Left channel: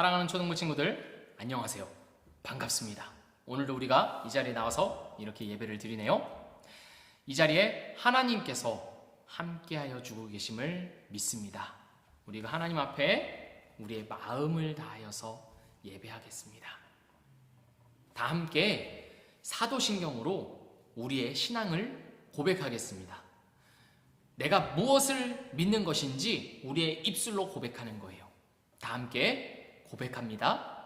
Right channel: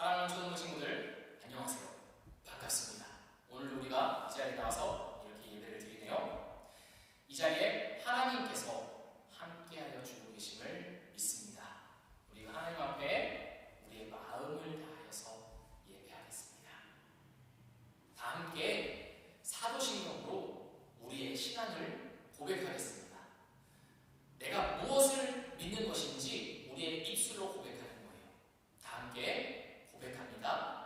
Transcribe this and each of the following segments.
사랑하는 초등부 친구들, 안녕하세요. 반갑습니다. 오늘도 우리가 이 자리에 나와서 이렇게 예배를 드리네요. 이 자리에 하나님께서 함께하여 주고 계심을 믿습니다. 우리가 하나님 앞에 우리의 마음을 다하여서 예배하겠습니다. 다 함께 사도신경으로 우리의 신앙을 고백하겠습니다. 내가 무엇을 믿는 것인지 우리의 입술로 고백하는 거예요. 다 함께 고백합니다.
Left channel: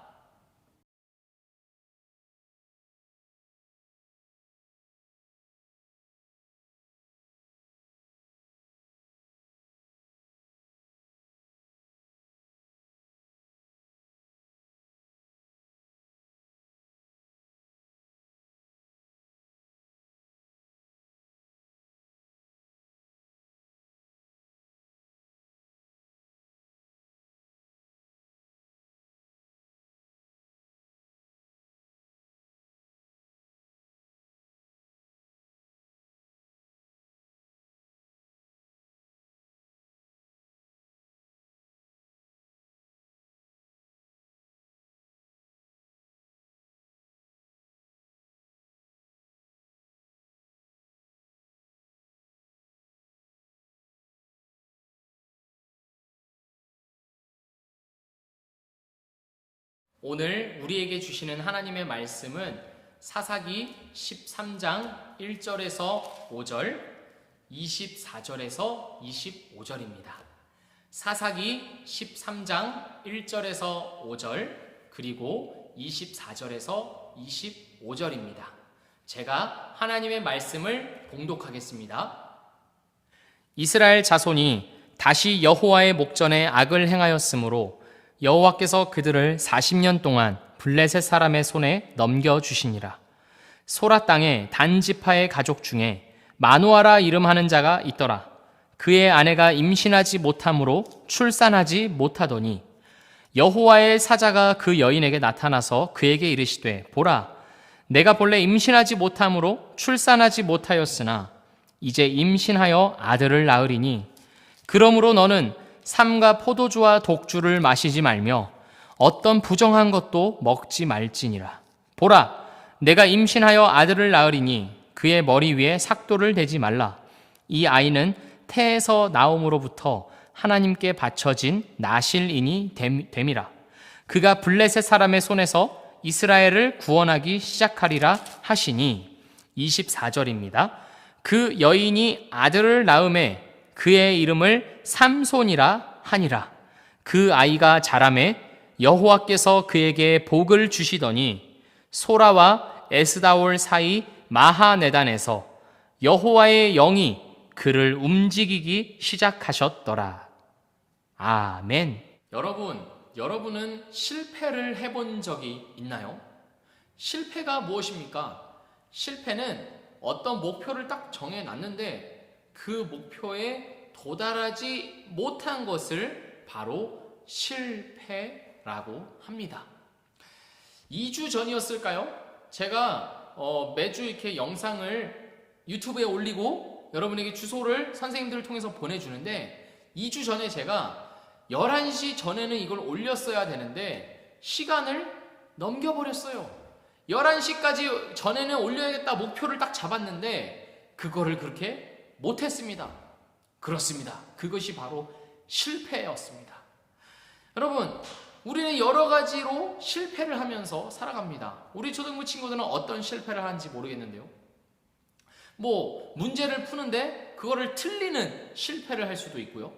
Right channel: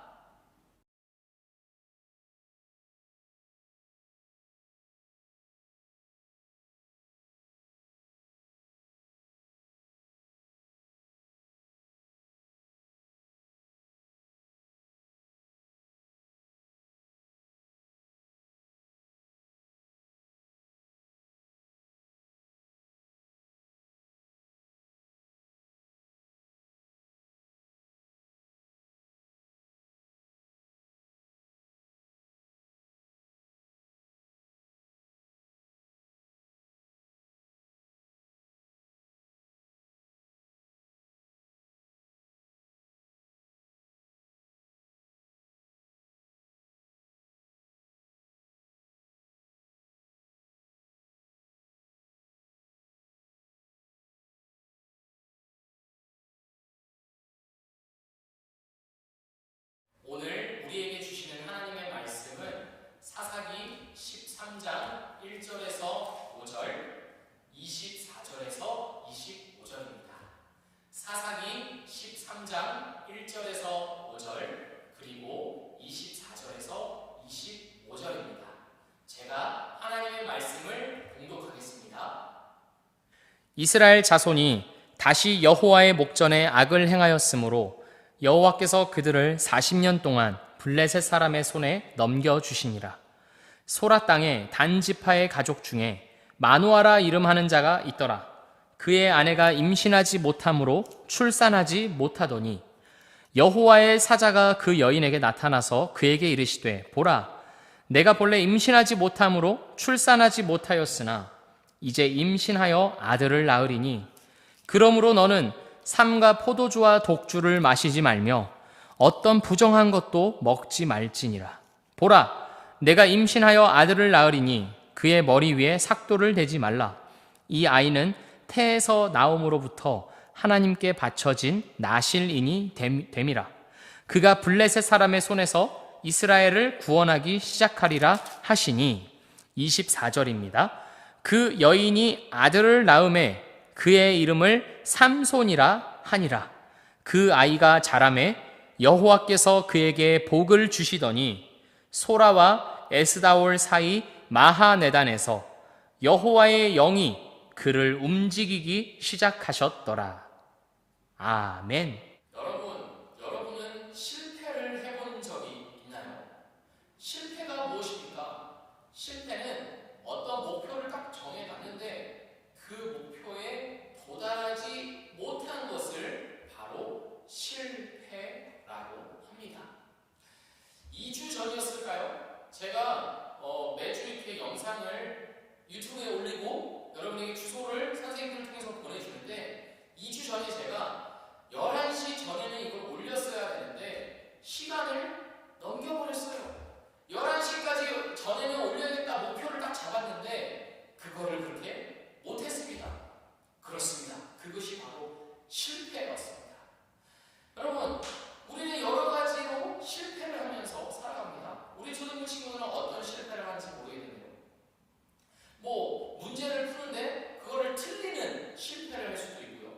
오늘 우리에게 주시는 하나님의 말씀은 사사기 13장 1절에서 5절, 24절에서 25절입니다. 사사기 13장 1절에서 5절, 그리고 24절에서 25절입니다. 제가 하나님의 말씀을 봉독하겠습니다. 이스라엘 자손이 다시 여호와의 목전에 악을 행하였으므로 여호와께서 그들을 40년 동안 블레셋 사람의 손에 넘겨주시니라. 소라 땅에 단 지파의 가족 중에 마누아라 이름하는 자가 있더라. 그의 아내가 임신하지 못함으로 출산하지 못하더니 여호와의 사자가 그 여인에게 나타나서 그에게 이르시되, 보라, 내가 본래 임신하지 못함으로 출산하지 못하였으나 이제 임신하여 아들을 낳으리니 그러므로 너는 삼가 포도주와 독주를 마시지 말며 어떤 부정한 것도 먹지 말지니라. 보라, 내가 임신하여 아들을 낳으리니 그의 머리 위에 삭도를 대지 말라. 이 아이는 태에서 나옴으로부터 하나님께 바쳐진 나실인이 됨이라. 그가 블레셋 사람의 손에서 이스라엘을 구원하기 시작하리라 하시니. 24절입니다. 그 여인이 아들을 낳음에 그의 이름을 삼손이라 하니라. 그 아이가 자라매 여호와께서 그에게 복을 주시더니 소라와 에스다올 사이 마하네단에서 여호와의 영이 그를 움직이기 시작하셨더라. 아멘. 여러분은 실패를 해본 적이 있나요? 실패가 무엇입니까? 실패는 어떤 목표를 딱 정해놨는데 그 목표에 도달하지 못한 것을 바로 실패라고 합니다. 2주 전이었을까요? 제가 매주 이렇게 영상을 유튜브에 올리고 여러분에게 주소를 선생님들을 통해서 보내주는데 2주 전에 제가 11시 전에는 이걸 올렸어야 되는데 시간을 넘겨버렸어요. 11시까지 전에는 올려야겠다 목표를 딱 잡았는데 그거를 그렇게 못했습니다. 그렇습니다. 그것이 바로 실패였습니다. 여러분, 우리는 여러 가지로 실패를 하면서 살아갑니다. 우리 초등부 친구들은 어떤 실패를 하는지 모르겠는데요. 문제를 푸는데 그거를 틀리는 실패를 할 수도 있고요.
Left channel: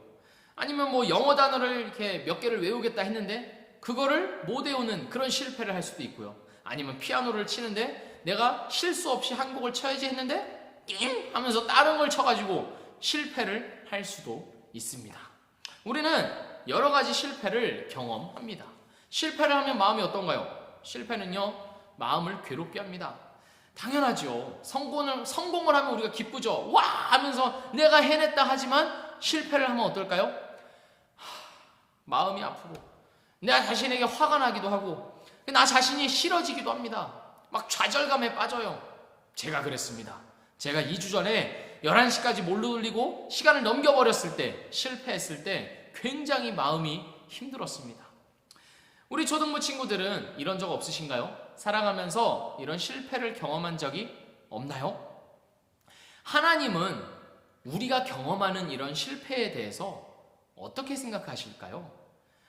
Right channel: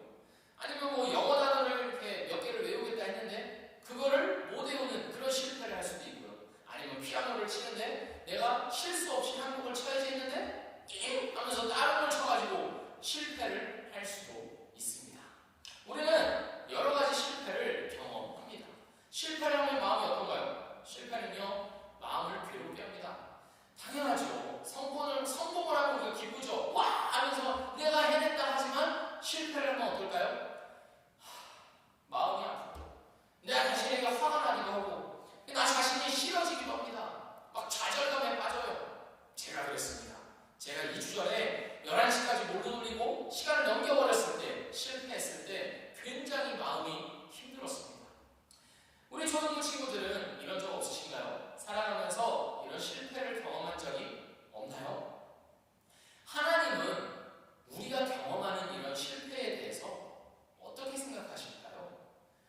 아니면 영어 단어를 이렇게 몇 개를 외우겠다 했는데 그거를 못 외우는 그런 실패를 할 수도 있고요. 아니면 피아노를 치는데 내가 실수 없이 한 곡을 쳐야지 했는데 띵 하면서 다른 걸 쳐가지고 실패를 할 수도 있습니다. 우리는 여러 가지 실패를 경험합니다. 실패를 하면 마음이 어떤가요? 실패는요, 마음을 괴롭게 합니다. 당연하죠. 성공을 하면 우리가 기쁘죠. 와! 하면서 내가 해냈다 하지만 실패를 하면 어떨까요? 마음이 아프고 내가 자신에게 화가 나기도 하고 나 자신이 싫어지기도 합니다. 막 좌절감에 빠져요. 제가 그랬습니다. 제가 2주 전에 11시까지 못 돌리고 시간을 넘겨버렸을 때, 실패했을 때 굉장히 마음이 힘들었습니다. 우리 초등부 친구들은 이런 적 없으신가요? 살아가면서 이런 실패를 경험한 적이 없나요? 하나님은 우리가 경험하는 이런 실패에 대해서 어떻게 생각하실까요?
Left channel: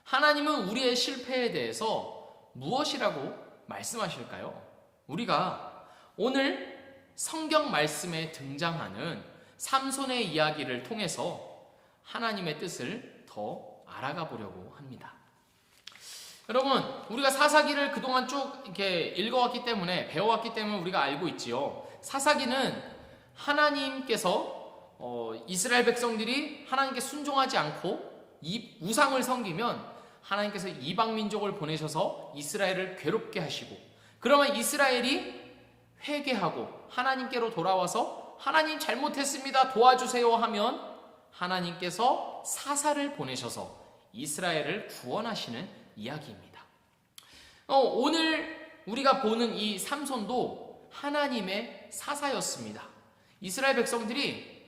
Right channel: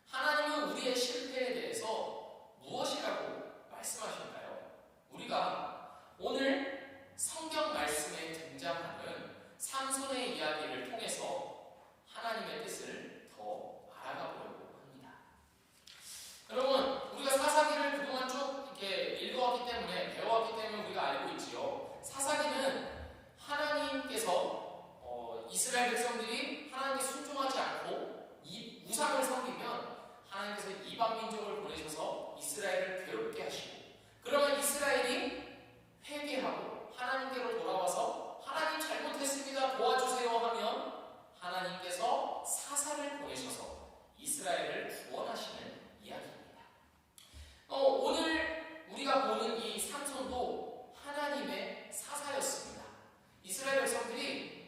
하나님은 우리의 실패에 대해서 무엇이라고 말씀하실까요? 우리가 오늘 성경 말씀에 등장하는 삼손의 이야기를 통해서 하나님의 뜻을 더 알아가 보려고 합니다. 여러분, 우리가 사사기를 그동안 쭉 이렇게 읽어왔기 때문에, 배워왔기 때문에 우리가 알고 있지요. 사사기는 하나님께서 이스라엘 백성들이 하나님께 순종하지 않고 이 우상을 섬기면 하나님께서 이방 민족을 보내셔서 이스라엘을 괴롭게 하시고, 그러면 이스라엘이 회개하고 하나님께로 돌아와서 하나님 잘못했습니다, 도와주세요 하면 하나님께서 사사를 보내셔서 이스라엘을 구원하시는 이야기입니다. 오늘 우리가 보는 이 삼손도 하나님의 사사였습니다. 이스라엘 백성들이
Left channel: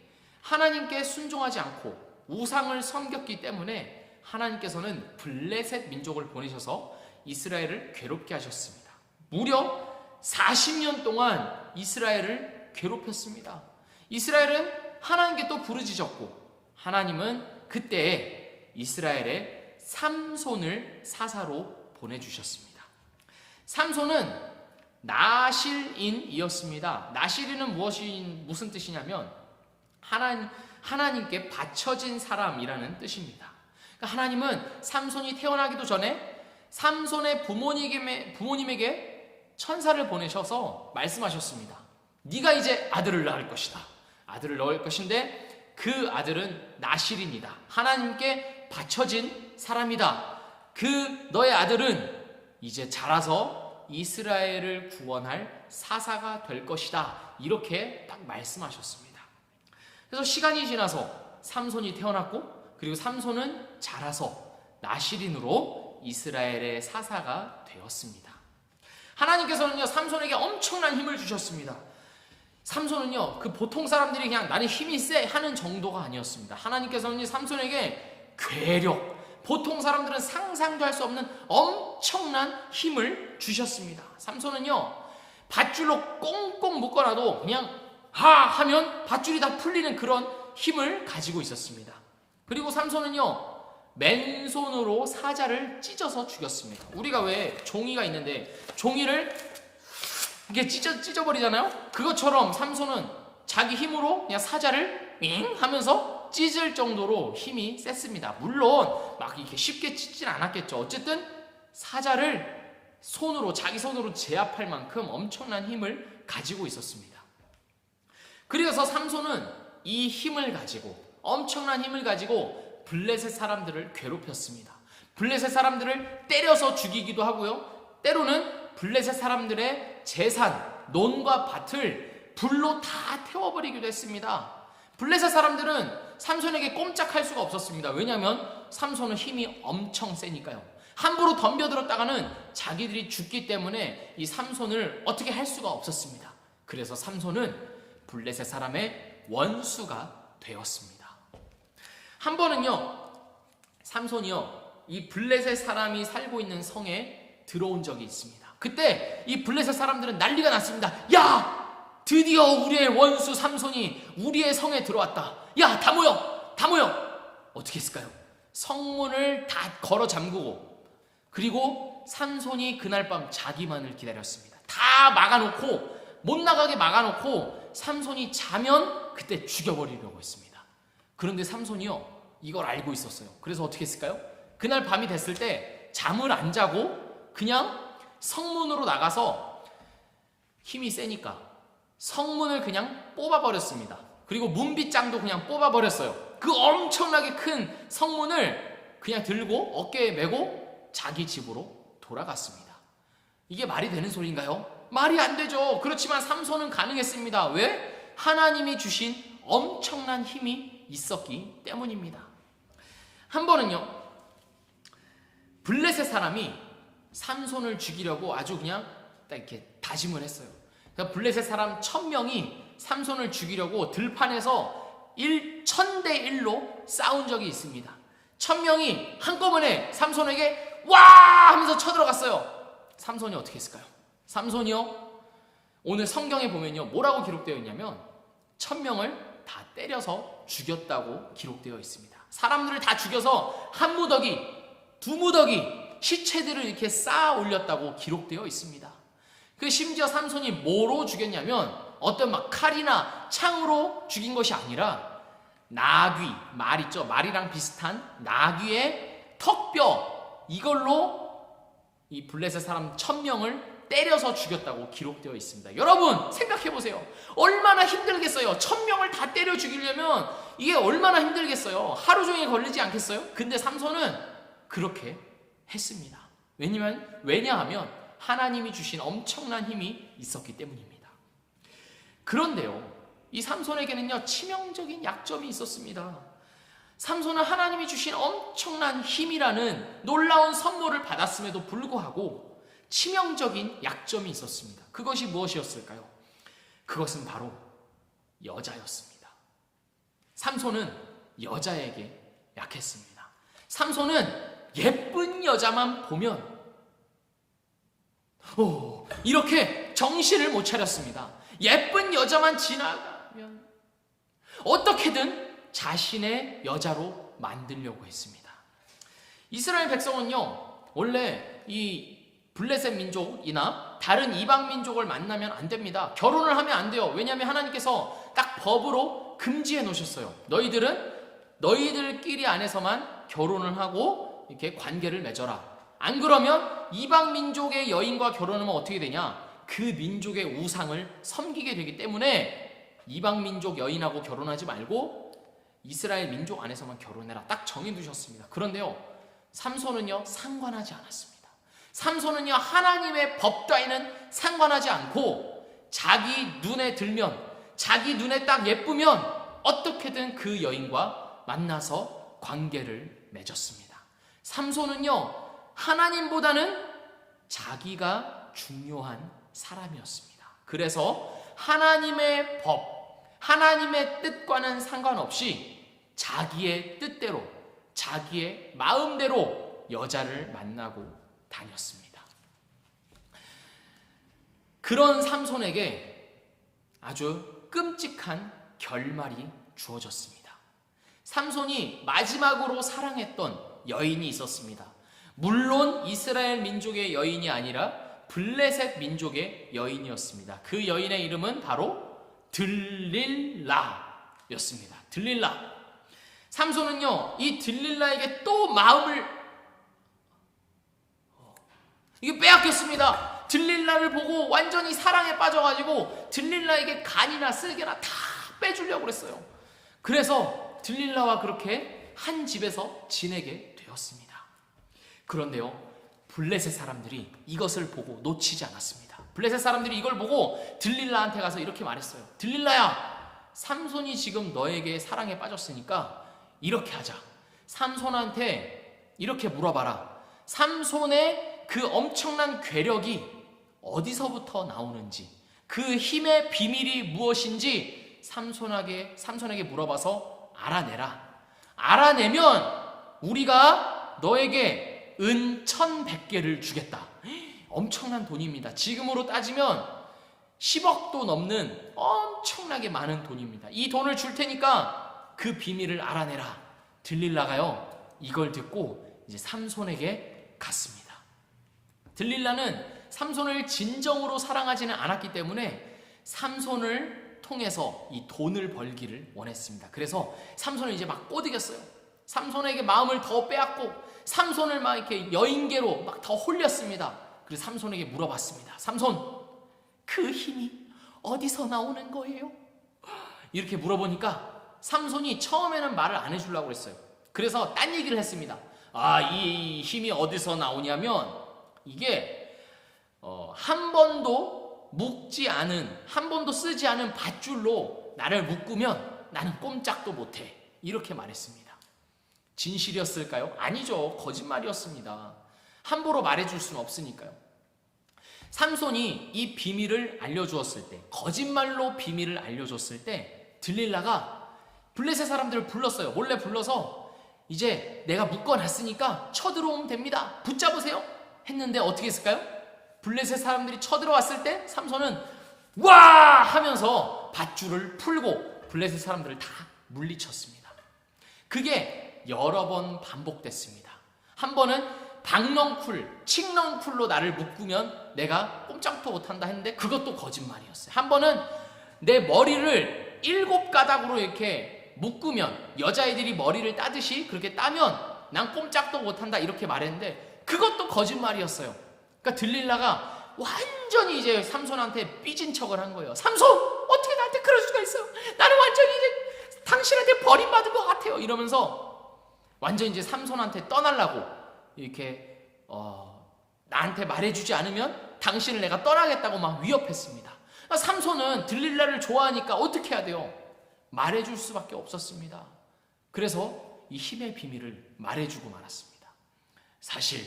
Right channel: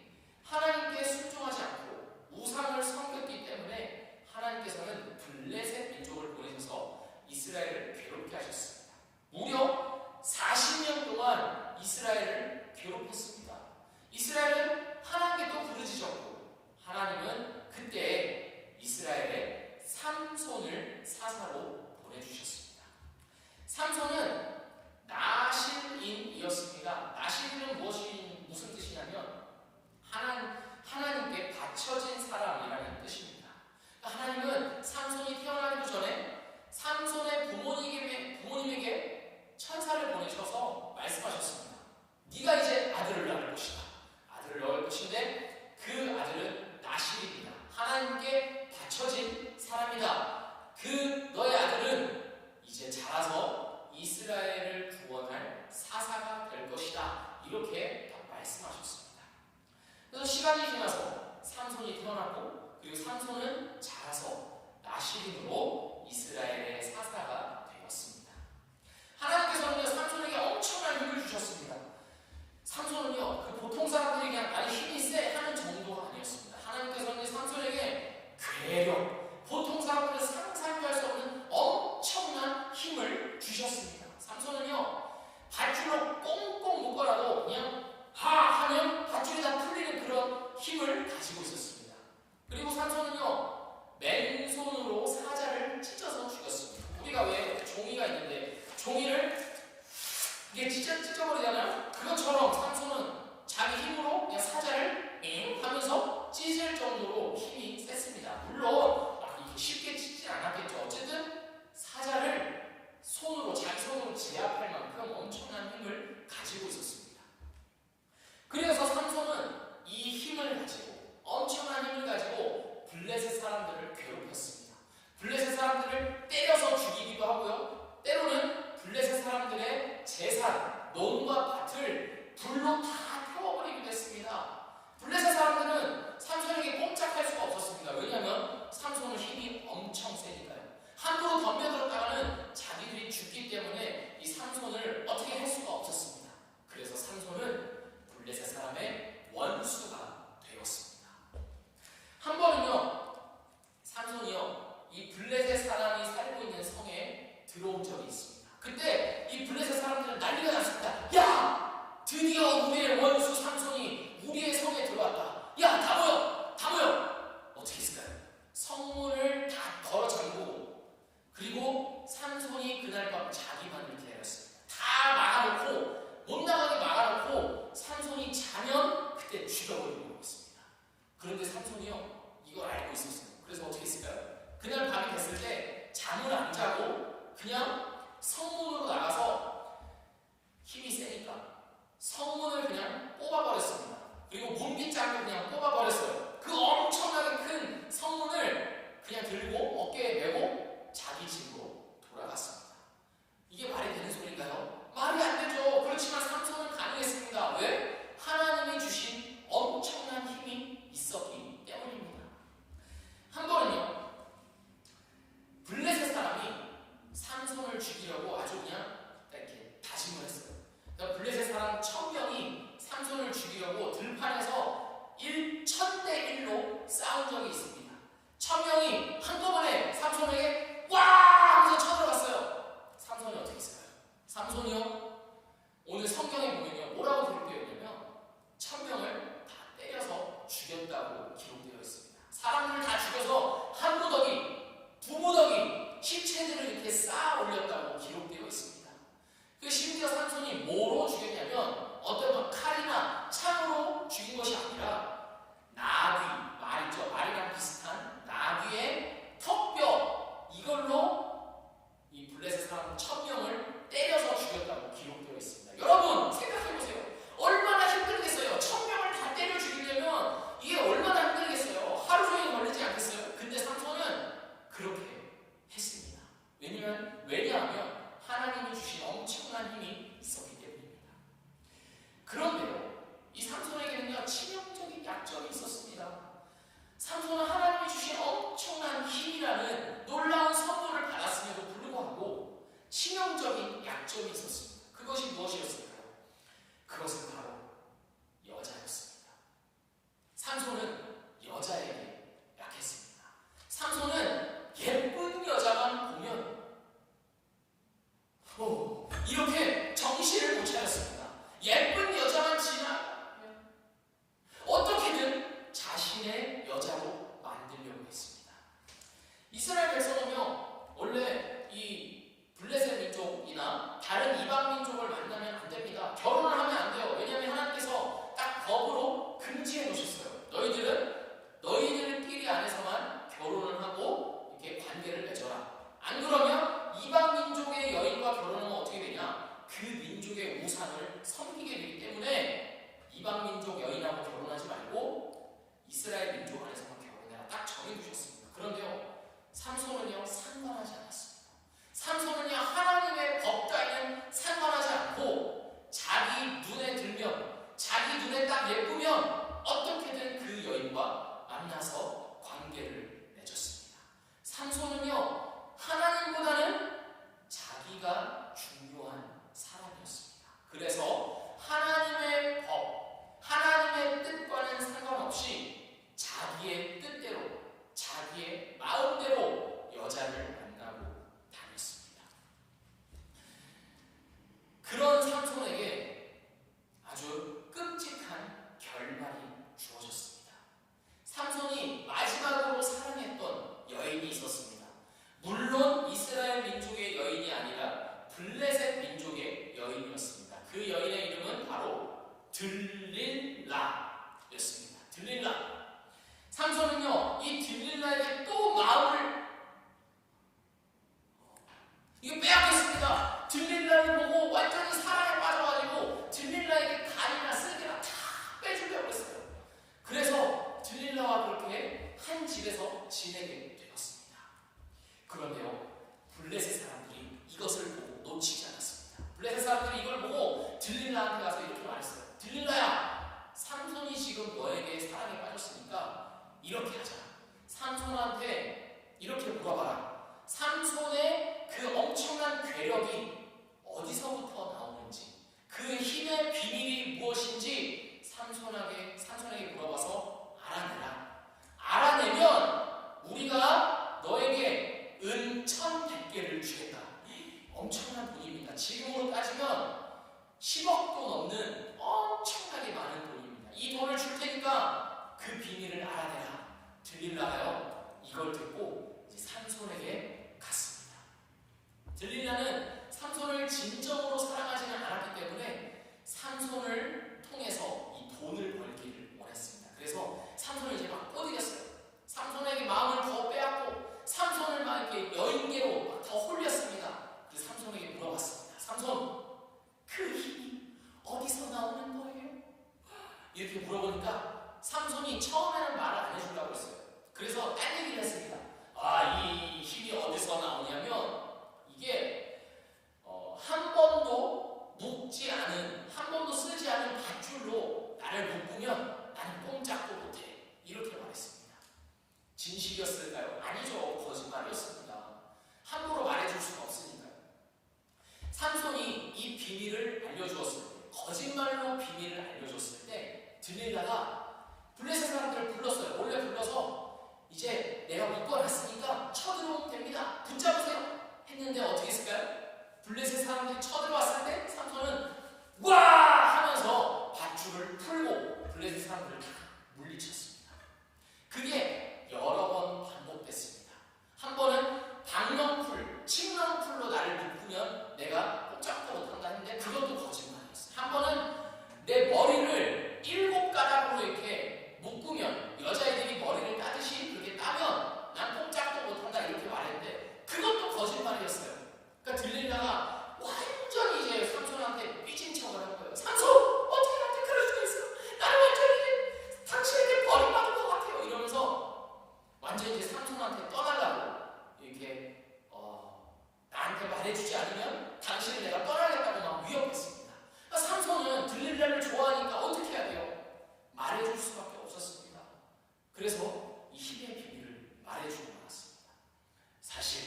하나님께 순종하지 않고 우상을 섬겼기 때문에 하나님께서는 블레셋 민족을 보내셔서 이스라엘을 괴롭게 하셨습니다. 무려 40년 동안 이스라엘을 괴롭혔습니다. 이스라엘은 하나님께 또 부르짖었고, 하나님은 그때 이스라엘의 삼손을 사사로 보내주셨습니다. 삼손은 나실인이었습니다. 나실인은 무슨 뜻이냐면 하나님께 바쳐진 사람이라는 뜻입니다. 그러니까 하나님은 삼손이 태어나기도 전에 삼손의 부모님에게 천사를 보내셔서 말씀하셨습니다. 네가 이제 아들을 낳을 것이다. 아들을 낳을 것인데 그 아들은 나실인이다. 하나님께 바쳐진 사람이다. 그 너의 아들은 이제 자라서 이스라엘을 구원할 사사가 될 것이다. 이렇게 딱 말씀하셨습니다. 그래서 시간이 지나서 삼손이 태어났고, 그리고 삼손은 자라서 나실인으로 이스라엘의 사사가 되었습니다. 하나님께서는요, 삼손에게 엄청난 힘을 주셨습니다. 삼손은요, 그 보통 사람들이 그냥 나는 힘이 세 하는 정도가 아니었습니다. 하나님께서는 괴력, 보통 사람들은 상상도 할 수 없는 엄청난 힘을 주셨습니다. 삼손은요, 밧줄로 꽁꽁 묶어놔도 그냥 하면 밧줄이 다 풀리는 그런 힘을 가지고 있었습니다. 그리고 삼손은요, 맨손으로 사자를 찢어서 죽였습니다. 우리가 왜 종이가 있는데 종이를 이렇게 찢어버리잖아요. 그것처럼 삼손은 자기 힘으로 그냥 사자를 윙 하면서 찢을 정도로 힘이 셌습니다. 물론 막 이렇게 쉽게 찢진 않았겠죠. 어쨌든 사자를 자기 손으로 제압할 만큼 엄청난 힘을 가지고 있었습니다. 그래서 삼손은 이 힘을 가지고, 엄청난 힘을 가지고 블레셋 사람들을 괴롭혔습니다. 블레셋 사람들을 때려서 죽이기도 하고요, 때로는 블레셋 사람들의 재산, 논과 밭을 불로 다 태워버리기도 했습니다. 블레셋 사람들은 삼손에게 꼼짝할 수가 없었습니다. 왜냐하면 삼손은 힘이 엄청 세니까요. 함부로 덤벼들었다가는 자기들이 죽기 때문에 이 삼손을 어떻게 할 수가 없었습니다. 그래서 삼손은 블레셋 사람의 원수가 되었습니다. 한 번은요, 삼손이요, 이 블레셋 사람이 살고 있는 성에 들어온 적이 있습니다. 그때 이 블레셋 사람들은 난리가 났습니다. 야! 드디어 우리의 원수 삼손이 우리의 성에 들어왔다. 야, 다 모여! 어떻게 했을까요? 성문을 다 걸어 잠그고, 그리고 삼손이 그날 밤 자기만을 기다렸습니다. 다 막아놓고, 못 나가게 막아놓고 삼손이 자면 그때 죽여버리려고 했습니다. 그런데 삼손이요, 이걸 알고 있었어요. 그래서 어떻게 했을까요? 그날 밤이 됐을 때 잠을 안 자고 그냥 성문으로 나가서, 힘이 세니까 성문을 그냥 뽑아버렸습니다. 그리고 문빗장도 그냥 뽑아버렸어요. 그 엄청나게 큰 성문을 그냥 들고 어깨에 메고 자기 집으로 돌아갔습니다. 이게 말이 되는 소리인가요? 말이 안 되죠. 그렇지만 삼손은 가능했습니다. 왜? 하나님이 주신 엄청난 힘이 있었기 때문입니다. 한 번은요, 블레셋 사람이 삼손을 죽이려고 아주 그냥 딱 이렇게 다짐을 했어요. 그러니까 블레셋 사람 1000명이 삼손을 죽이려고 들판에서 1000대 1로 싸운 적이 있습니다. 1000명이 한꺼번에 삼손에게 와 하면서 쳐들어갔어요. 삼손이 어떻게 했을까요? 삼손이요, 오늘 성경에 보면요, 뭐라고 기록되어 있냐면 1000명을 다 때려서 죽였다고 기록되어 있습니다. 사람들을 다 죽여서 한 무더기, 두 무더기 시체들을 이렇게 쌓아 올렸다고 기록되어 있습니다. 그 심지어 삼손이 뭐로 죽였냐면 어떤 막 칼이나 창으로 죽인 것이 아니라 나귀, 말 있죠? 말이랑 비슷한 나귀의 턱뼈, 이걸로 이 블레셋 사람 1000명을 때려서 죽였다고 기록되어 있습니다. 여러분 생각해보세요. 얼마나 힘들겠어요. 1000명을 다 때려 죽이려면 이게 얼마나 힘들겠어요. 하루 종일 걸리지 않겠어요? 근데 삼손은 그렇게 했습니다. 왜냐하면 하나님이 주신 엄청난 힘이 있었기 때문입니다. 그런데요, 이 삼손에게는요, 치명적인 약점이 있었습니다. 삼손은 하나님이 주신 엄청난 힘이라는 놀라운 선물을 받았음에도 불구하고 치명적인 약점이 있었습니다. 그것이 무엇이었을까요? 그것은 바로 여자였습니다. 삼손은 여자에게 약했습니다. 삼손은 예쁜 여자만 보면 이렇게 정신을 못 차렸습니다. 예쁜 여자만 지나가면 어떻게든 자신의 여자로 만들려고 했습니다. 이스라엘 백성은요, 원래 이 블레셋 민족이나 다른 이방 민족을 만나면 안 됩니다. 결혼을 하면 안 돼요. 왜냐하면 하나님께서 딱 법으로 금지해 놓으셨어요. 너희들끼리 안에서만 결혼을 하고 이렇게 관계를 맺어라. 안 그러면 이방 민족의 여인과 결혼하면 어떻게 되냐? 그 민족의 우상을 섬기게 되기 때문에 이방 민족 여인하고 결혼하지 말고 이스라엘 민족 안에서만 결혼해라. 딱 정해두셨습니다. 그런데요, 삼손은요, 상관하지 않았습니다. 삼손은요, 하나님의 법 따위는 상관하지 않고 자기 눈에 들면, 자기 눈에 딱 예쁘면 어떻게든 그 여인과 만나서 관계를 맺었습니다. 삼손은요, 하나님보다는 자기가 중요한 사람이었습니다. 그래서 하나님의 법, 하나님의 뜻과는 상관없이 자기의 뜻대로, 자기의 마음대로 여자를 만나고 다녔습니다. 그런 삼손에게 아주 끔찍한 결말이 주어졌습니다. 삼손이 마지막으로 사랑했던 여인이 있었습니다. 물론 이스라엘 민족의 여인이 아니라 블레셋 민족의 여인이었습니다. 그 여인의 이름은 바로 들릴라였습니다. 들릴라. 삼손은요, 이 들릴라에게 또 마음을 이게 빼앗겼습니다. 들릴라를 보고 완전히 사랑에 빠져가지고 들릴라에게 간이나 쓸개나 다 빼주려고 그랬어요. 그래서 들릴라와 그렇게 한 집에서 지내게 되었습니다. 그런데요, 블레셋 사람들이 이것을 보고 놓치지 않았습니다. 블레셋 사람들이 이걸 보고 들릴라한테 가서 이렇게 말했어요. 들릴라야, 삼손이 지금 너에게 사랑에 빠졌으니까 이렇게 하자. 삼손한테 이렇게 물어봐라. 삼손의 그 엄청난 괴력이 어디서부터 나오는지, 그 힘의 비밀이 무엇인지 삼손에게 물어봐서 알아내라. 알아내면 우리가 너에게 은 1100개를 주겠다. 엄청난 돈입니다. 지금으로 따지면 10억도 넘는 엄청나게 많은 돈입니다. 이 돈을 줄 테니까 그 비밀을 알아내라. 들릴라가요, 이걸 듣고 이제 삼손에게 갔습니다. 들릴라는 삼손을 진정으로 사랑하지는 않았기 때문에 삼손을 통해서 이 돈을 벌기를 원했습니다. 그래서 삼손을 이제 막 꼬드겼어요. 삼손에게 마음을 더 빼앗고 삼손을 막 이렇게 여인계로 막 더 홀렸습니다. 그래서 삼손에게 물어봤습니다. 삼손, 그 힘이 어디서 나오는 거예요? 이렇게 물어보니까 삼손이 처음에는 말을 안 해주려고 그랬어요. 그래서 딴 얘기를 했습니다. 이 힘이 어디서 나오냐면 이게 한 번도 묶지 않은, 한 번도 쓰지 않은 밧줄로 나를 묶으면 나는 꼼짝도 못해. 이렇게 말했습니다. 진실이었을까요? 아니죠. 거짓말이었습니다. 함부로 말해줄 수는 없으니까요. 삼손이 이 비밀을 알려주었을 때, 거짓말로 비밀을 알려줬을 때 들릴라가 블레셋 사람들을 불렀어요. 몰래 불러서 이제 내가 묶어놨으니까 쳐들어오면 됩니다. 붙잡으세요. 했는데 어떻게 했을까요? 블레셋 사람들이 쳐들어왔을 때 삼손은 와 하면서 밧줄을 풀고 블레셋 사람들을 다 물리쳤습니다. 그게 여러 번 반복됐습니다. 한 번은 박넝쿨, 칡넝쿨로 나를 묶으면 내가 꼼짝도 못한다 했는데 그것도 거짓말이었어요. 한 번은 내 머리를 7가닥으로 이렇게 묶으면, 여자애들이 머리를 따듯이 그렇게 따면 난 꼼짝도 못한다 이렇게 말했는데 그것도 거짓말이었어요. 그러니까 들릴라가 완전히 이제 삼손한테 삐진 척을 한 거예요. 삼손! 어떻게 나한테 그럴 수가 있어요? 나는 완전히 이제 당신한테 버림받은 것 같아요. 이러면서 완전히 이제 삼손한테 떠나려고 이렇게 나한테 말해주지 않으면 당신을 내가 떠나겠다고 막 위협했습니다. 그러니까 삼손은 들릴라를 좋아하니까 어떻게 해야 돼요? 말해줄 수밖에 없었습니다. 그래서 이 힘의 비밀을 말해주고 말았습니다. 사실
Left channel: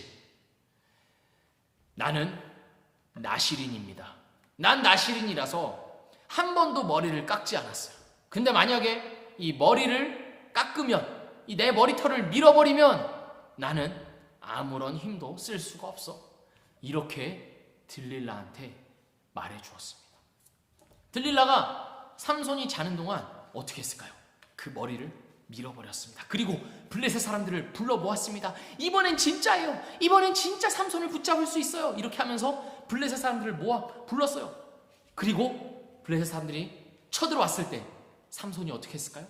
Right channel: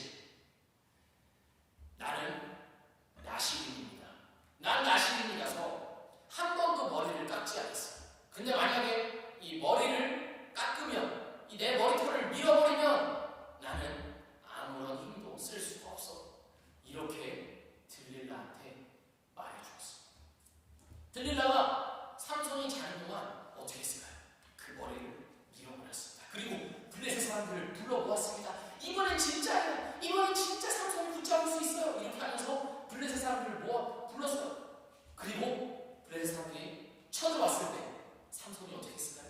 나는 나실인입니다. 난 나실인이라서 한 번도 머리를 깎지 않았어요. 근데 만약에 이 머리를 깎으면, 이 내 머리털을 밀어버리면 나는 아무런 힘도 쓸 수가 없어. 이렇게 들릴라한테 말해주었습니다. 들릴라가 삼손이 자는 동안 어떻게 했을까요? 그 머리를 밀어버렸습니다. 그리고 블레셋 사람들을 불러 모았습니다. 이번엔 진짜예요. 이번엔 진짜 삼손을 붙잡을 수 있어요. 이렇게 하면서 블레셋 사람들을 모아 불렀어요. 그리고 블레셋 사람들이 쳐들어왔을 때 삼손이 어떻게 했을까요?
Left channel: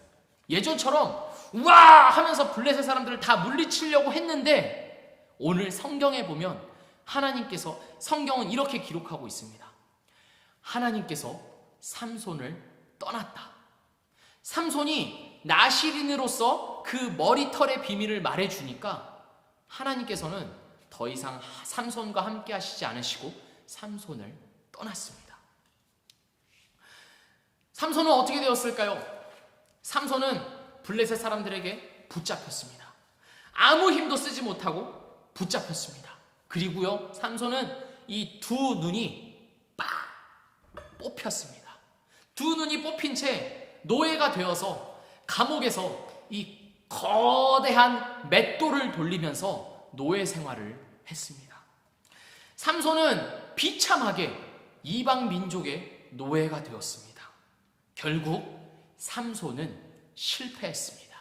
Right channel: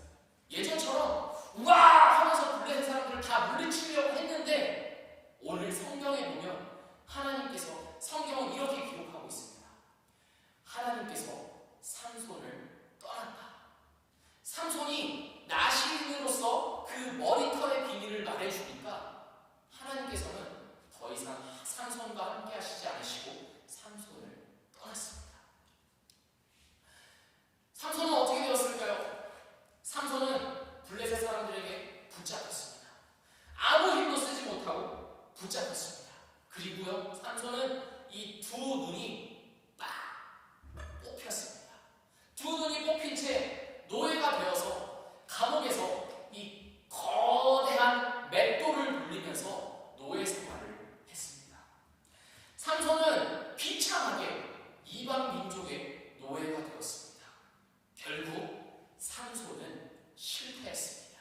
예전처럼 우와 하면서 블레셋 사람들을 다 물리치려고 했는데 오늘 성경에 보면 하나님께서, 성경은 이렇게 기록하고 있습니다. 하나님께서 삼손을 떠났다. 삼손이 나실인으로서 그 머리털의 비밀을 말해주니까 하나님께서는 더 이상 삼손과 함께 하시지 않으시고 삼손을 떠났습니다. 삼손은 어떻게 되었을까요? 삼손은 블레셋 사람들에게 붙잡혔습니다. 아무 힘도 쓰지 못하고 붙잡혔습니다. 그리고요, 삼손은 이 두 눈이 빡 뽑혔습니다. 두 눈이 뽑힌 채 노예가 되어서 감옥에서 이 거대한 맷돌을 돌리면서 노예 생활을 했습니다. 삼손은 비참하게 이방 민족의 노예가 되었습니다. 결국 삼손은 실패했습니다.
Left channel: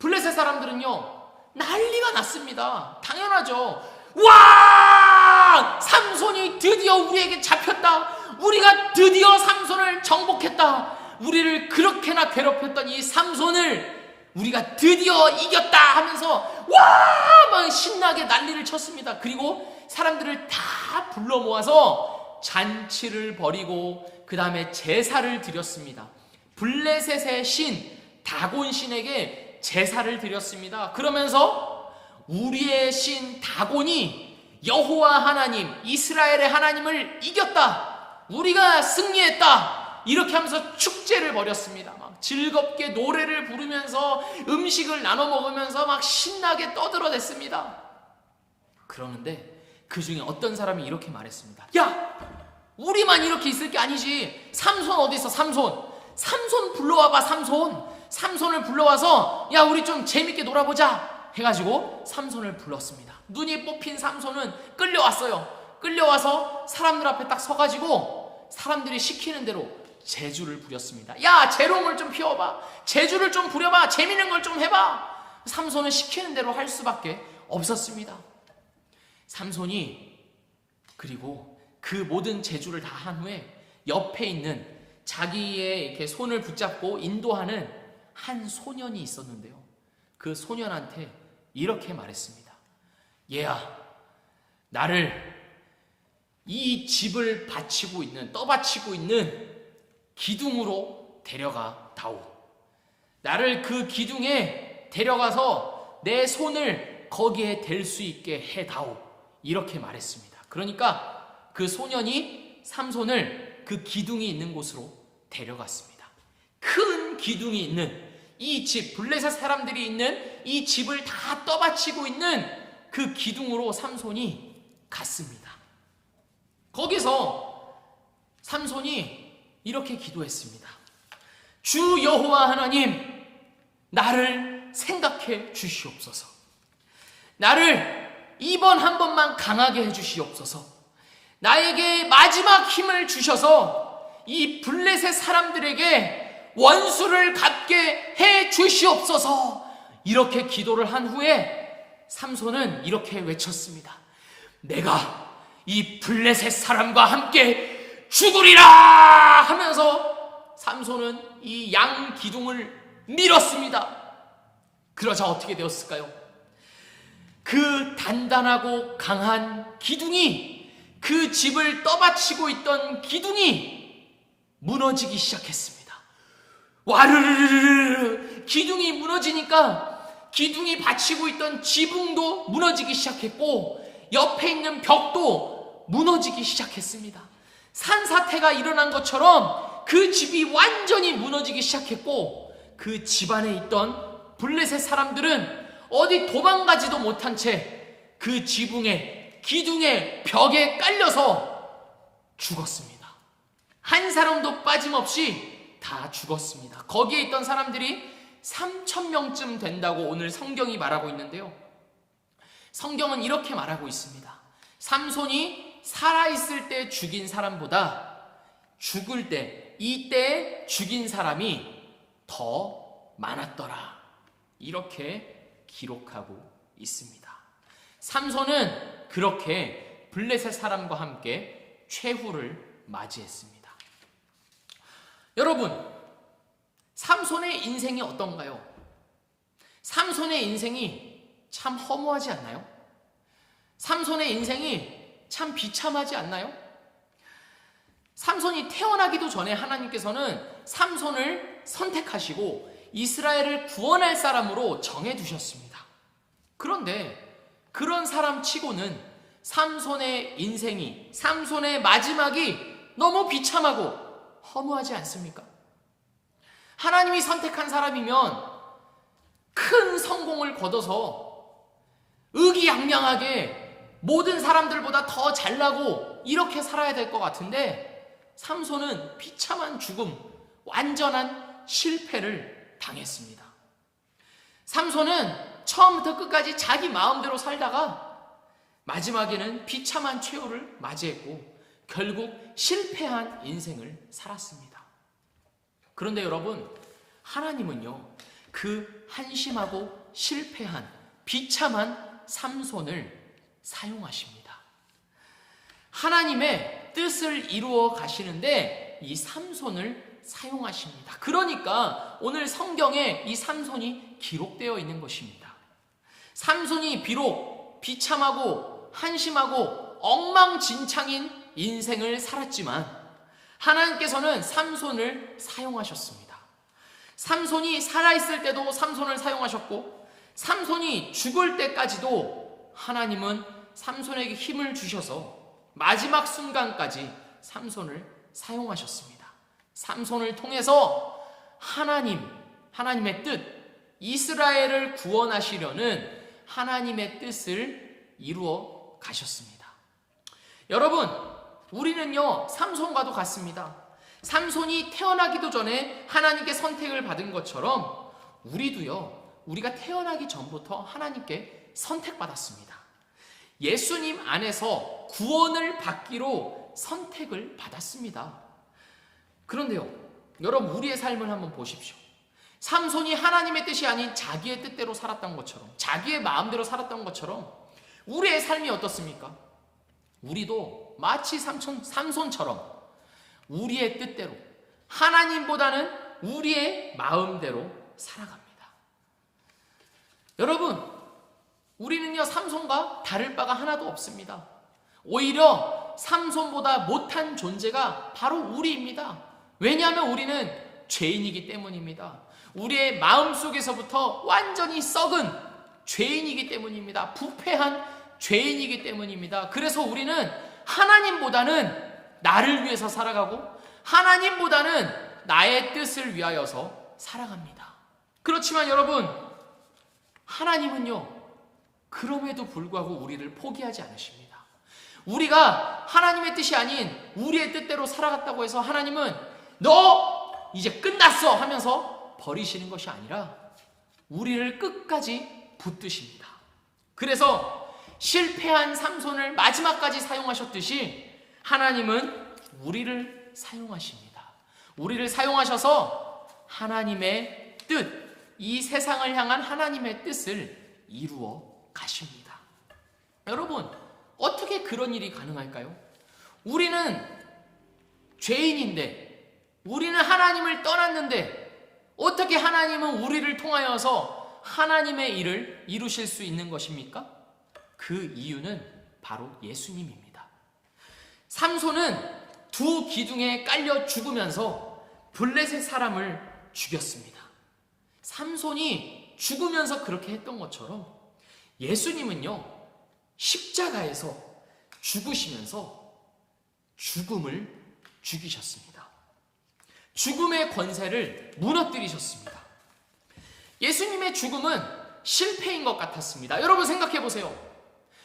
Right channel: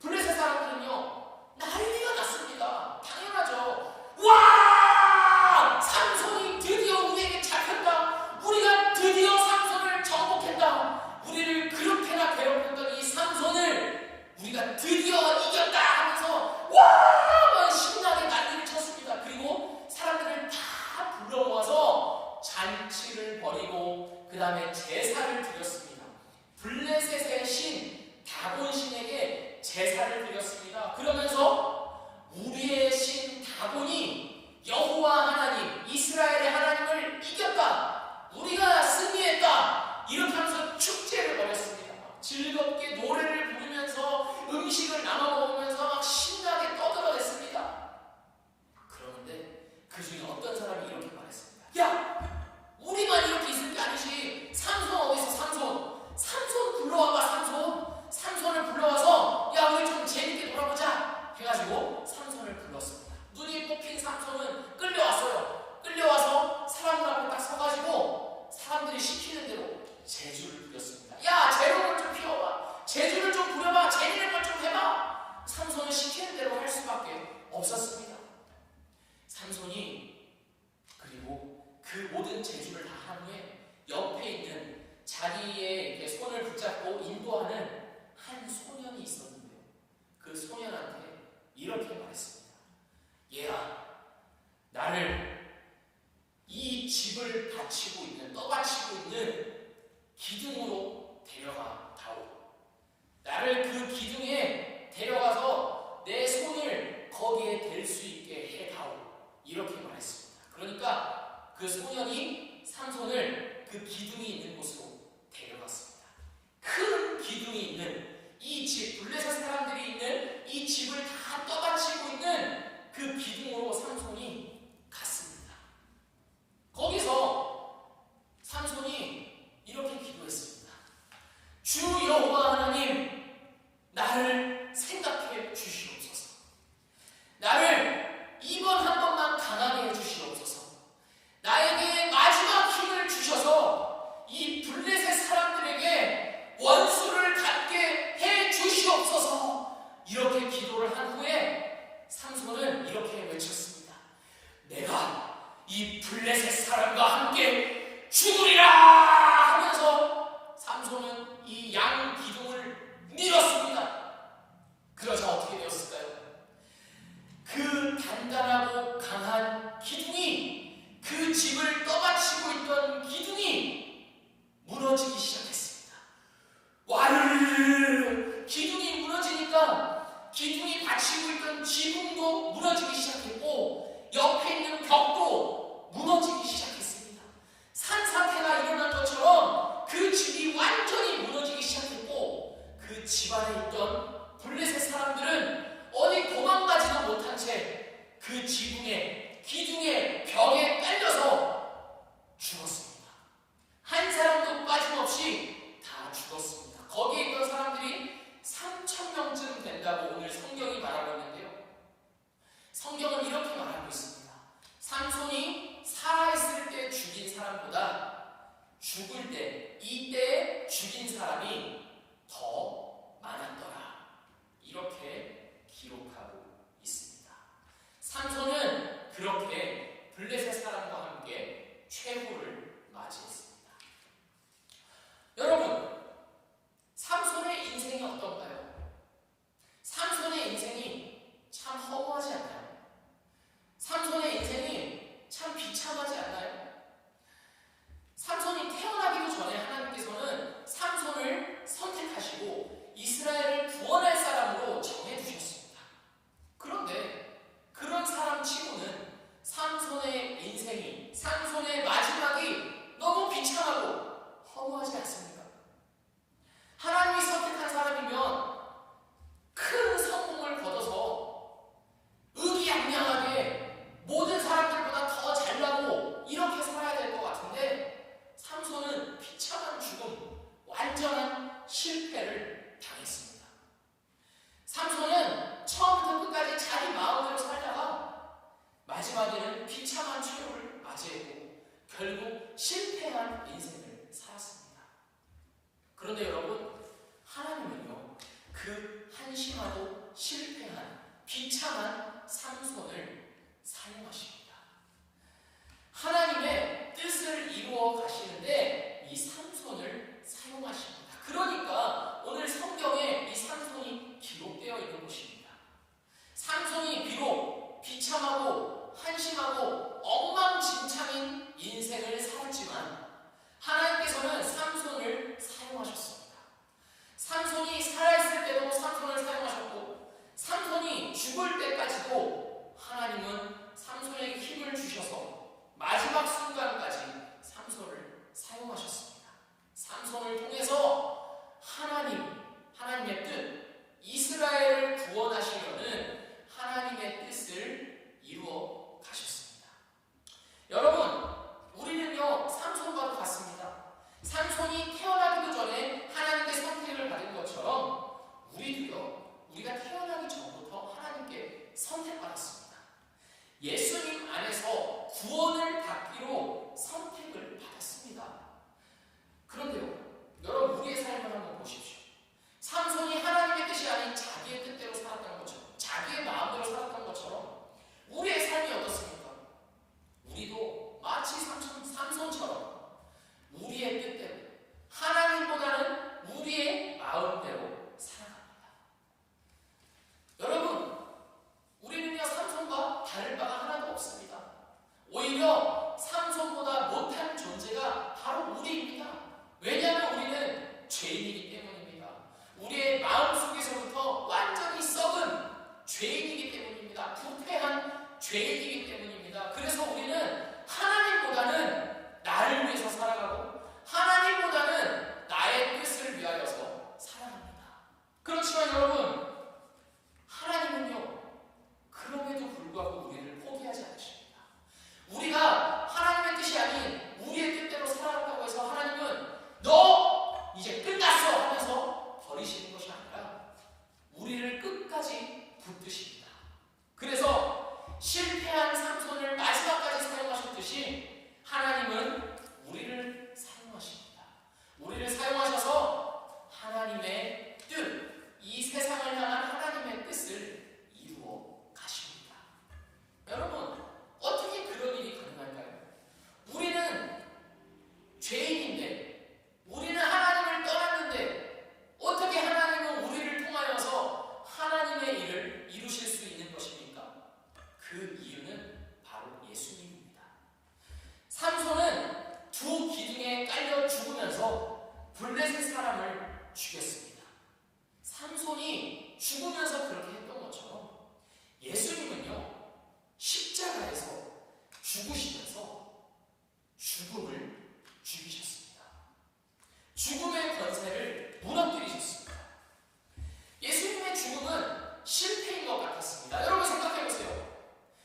블레셋 사람들은요 난리가 났습니다. 당연하죠. 와! 삼손이 드디어 우리에게 잡혔다. 우리가 드디어 삼손을 정복했다. 우리를 그렇게나 괴롭혔던 이 삼손을 우리가 드디어 이겼다 하면서 와! 막 신나게 난리를 쳤습니다. 그리고 사람들을 다 불러 모아서 잔치를 벌이고 그 다음에 제사를 드렸습니다. 블레셋의 신 다곤 신에게 제사를 드렸습니다. 그러면서 우리의 신 다곤이 여호와 하나님, 이스라엘의 하나님을 이겼다. 우리가 승리했다. 이렇게 하면서 축제를 벌였습니다. 막 즐겁게 노래를 부르면서 음식을 나눠 먹으면서 막 신나게 떠들어댔습니다. 그러는데 그 중에 어떤 사람이 이렇게 말했습니다. 야! 우리만 이렇게 있을 게 아니지. 삼손 어디 있어? 삼손 불러와봐. 삼손을 불러와서 야 우리 좀 재밌게 놀아보자 해가지고 삼손을 불렀습니다. 눈이 뽑힌 삼손은 끌려왔어요. 끌려와서 사람들 앞에 딱 서가지고 사람들이 시키는 대로 재주를 부렸습니다. 야 재롱을 좀 피워봐. 재주를 좀 부려봐. 재밌는 걸 좀 해봐. 삼손은 시키는 대로 할 수밖에 없었습니다. 삼손이 그리고 그 모든 재주를 다 한 후에 옆에 있는 자기의 이렇게 손을 붙잡고 인도하는 한 소년이 있었는데요. 그 소년한테 이렇게 말했습니다. 얘야, 나를 이 집을 바치고 있는, 떠받치고 있는 기둥으로 데려가 다오. 나를 그 기둥에 데려가서 내 손을 거기에 댈 수 있게 해 다오. 이렇게 말했습니다. 그러니까 그 소년이 삼손을 그 기둥이 있는 곳으로 데려갔습니다. 큰 기둥이 있는 이 집, 블레셋 사람들이 있는 이 집을 다 떠받치고 있는 그 기둥으로 삼손이 갔습니다. 거기서 삼손이 이렇게 기도했습니다. 주 여호와 하나님, 나를 생각해 주시옵소서. 나를 이번 한 번만 강하게 해주시옵소서. 나에게 마지막 힘을 주셔서 이 블레셋 사람들에게 원수를 갚게 해 주시옵소서. 이렇게 기도를 한 후에 삼손은 이렇게 외쳤습니다. 내가 이 블레셋 사람과 함께 죽으리라 하면서 삼손은 이 양 기둥을 밀었습니다. 그러자 어떻게 되었을까요? 그 단단하고 강한 기둥이, 그 집을 떠받치고 있던 기둥이 무너지기 시작했습니다. 와르르르르 기둥이 무너지니까 기둥이 받치고 있던 지붕도 무너지기 시작했고 옆에 있는 벽도 무너지기 시작했습니다. 산사태가 일어난 것처럼 그 집이 완전히 무너지기 시작했고 그 집안에 있던 블레셋 사람들은 어디 도망가지도 못한 채 그 지붕에, 기둥에, 벽에 깔려서 죽었습니다. 한 사람도 빠짐없이 다 죽었습니다. 거기에 있던 사람들이 3,000명쯤 된다고 오늘 성경이 말하고 있는데요. 성경은 이렇게 말하고 있습니다. 삼손이 살아있을 때 죽인 사람보다 죽을 때, 이때 죽인 사람이 더 많았더라. 이렇게 기록하고 있습니다. 삼손은 그렇게 블레셋 사람과 함께 최후를 맞이했습니다. 여러분, 삼손의 인생이 어떤가요? 삼손의 인생이 참 허무하지 않나요? 삼손의 인생이 참 비참하지 않나요? 삼손이 태어나기도 전에 하나님께서는 삼손을 선택하시고 이스라엘을 구원할 사람으로 정해두셨습니다. 그런데 그런 사람 치고는 삼손의 인생이, 삼손의 마지막이 너무 비참하고 허무하지 않습니까? 하나님이 선택한 사람이면 큰 성공을 거둬서 의기양양하게 모든 사람들보다 더 잘나고 이렇게 살아야 될 것 같은데 삼손은 비참한 죽음, 완전한 실패를 당했습니다. 삼손은 처음부터 끝까지 자기 마음대로 살다가 마지막에는 비참한 최후를 맞이했고 결국 실패한 인생을 살았습니다. 그런데 여러분, 하나님은요, 그 한심하고 실패한 비참한 삼손을 사용하십니다. 하나님의 뜻을 이루어 가시는데 이 삼손을 사용하십니다. 그러니까 오늘 성경에 이 삼손이 기록되어 있는 것입니다. 삼손이 비록 비참하고 한심하고 엉망진창인 인생을 살았지만 하나님께서는 삼손을 사용하셨습니다. 삼손이 살아있을 때도 삼손을 사용하셨고 삼손이 죽을 때까지도 하나님은 삼손에게 힘을 주셔서 마지막 순간까지 삼손을 사용하셨습니다. 삼손을 통해서 하나님의 뜻, 이스라엘을 구원하시려는 하나님의 뜻을 이루어 가셨습니다. 여러분, 우리는요, 삼손과도 같습니다. 삼손이 태어나기도 전에 하나님께 선택을 받은 것처럼 우리도요, 우리가 태어나기 전부터 하나님께 선택받았습니다. 예수님 안에서 구원을 받기로 선택을 받았습니다. 그런데요, 여러분, 우리의 삶을 한번 보십시오. 삼손이 하나님의 뜻이 아닌 자기의 뜻대로 살았던 것처럼, 자기의 마음대로 살았던 것처럼 우리의 삶이 어떻습니까? 우리도 마치 삼손처럼 우리의 뜻대로, 하나님보다는 우리의 마음대로 살아갑니다. 여러분, 우리는요, 삼손과 다를 바가 하나도 없습니다. 오히려 삼손보다 못한 존재가 바로 우리입니다. 왜냐하면 우리는 죄인이기 때문입니다. 우리의 마음속에서부터 완전히 썩은 죄인이기 때문입니다. 부패한 죄인이기 때문입니다. 그래서 우리는 하나님보다는 나를 위해서 살아가고 하나님보다는 나의 뜻을 위하여서 살아갑니다. 그렇지만 여러분, 하나님은요, 그럼에도 불구하고 우리를 포기하지 않으십니다. 우리가 하나님의 뜻이 아닌 우리의 뜻대로 살아갔다고 해서 하나님은 너 이제 끝났어 하면서 버리시는 것이 아니라 우리를 끝까지 붙드십니다. 그래서 실패한 삼손을 마지막까지 사용하셨듯이 하나님은 우리를 사용하십니다. 우리를 사용하셔서 하나님의 뜻, 이 세상을 향한 하나님의 뜻을 이루어 가십니다. 여러분, 어떻게 그런 일이 가능할까요? 우리는 죄인인데, 우리는 하나님을 떠났는데 어떻게 하나님은 우리를 통하여서 하나님의 일을 이루실 수 있는 것입니까? 그 이유는 바로 예수님입니다. 삼손은 두 기둥에 깔려 죽으면서 블레셋 사람을 죽였습니다. 삼손이 죽으면서 그렇게 했던 것처럼 예수님은요, 십자가에서 죽으시면서 죽음을 죽이셨습니다. 죽음의 권세를 무너뜨리셨습니다. 예수님의 죽음은 실패인 것 같았습니다. 여러분 생각해 보세요.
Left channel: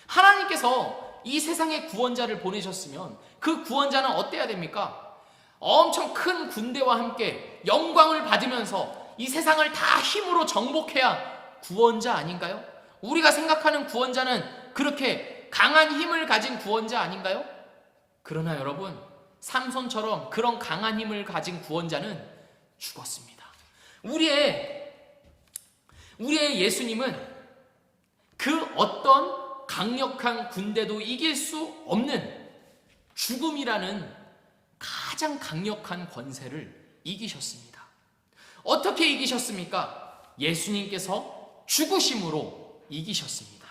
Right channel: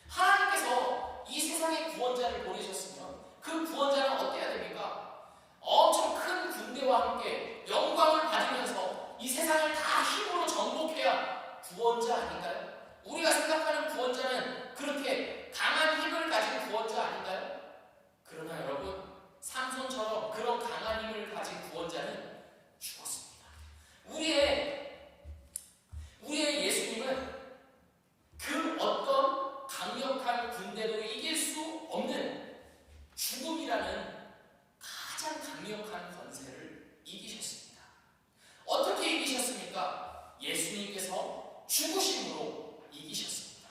하나님께서 이 세상에 구원자를 보내셨으면 그 구원자는 어때야 됩니까? 엄청 큰 군대와 함께 영광을 받으면서 이 세상을 다 힘으로 정복해야 구원자 아닌가요? 우리가 생각하는 구원자는 그렇게 강한 힘을 가진 구원자 아닌가요? 그러나 여러분, 삼손처럼 그런 강한 힘을 가진 구원자는 죽었습니다. 우리의 예수님은 그 어떤 강력한 군대도 이길 수 없는 죽음이라는 가장 강력한 권세를 이기셨습니다. 어떻게 이기셨습니까? 예수님께서 죽으심으로 이기셨습니다.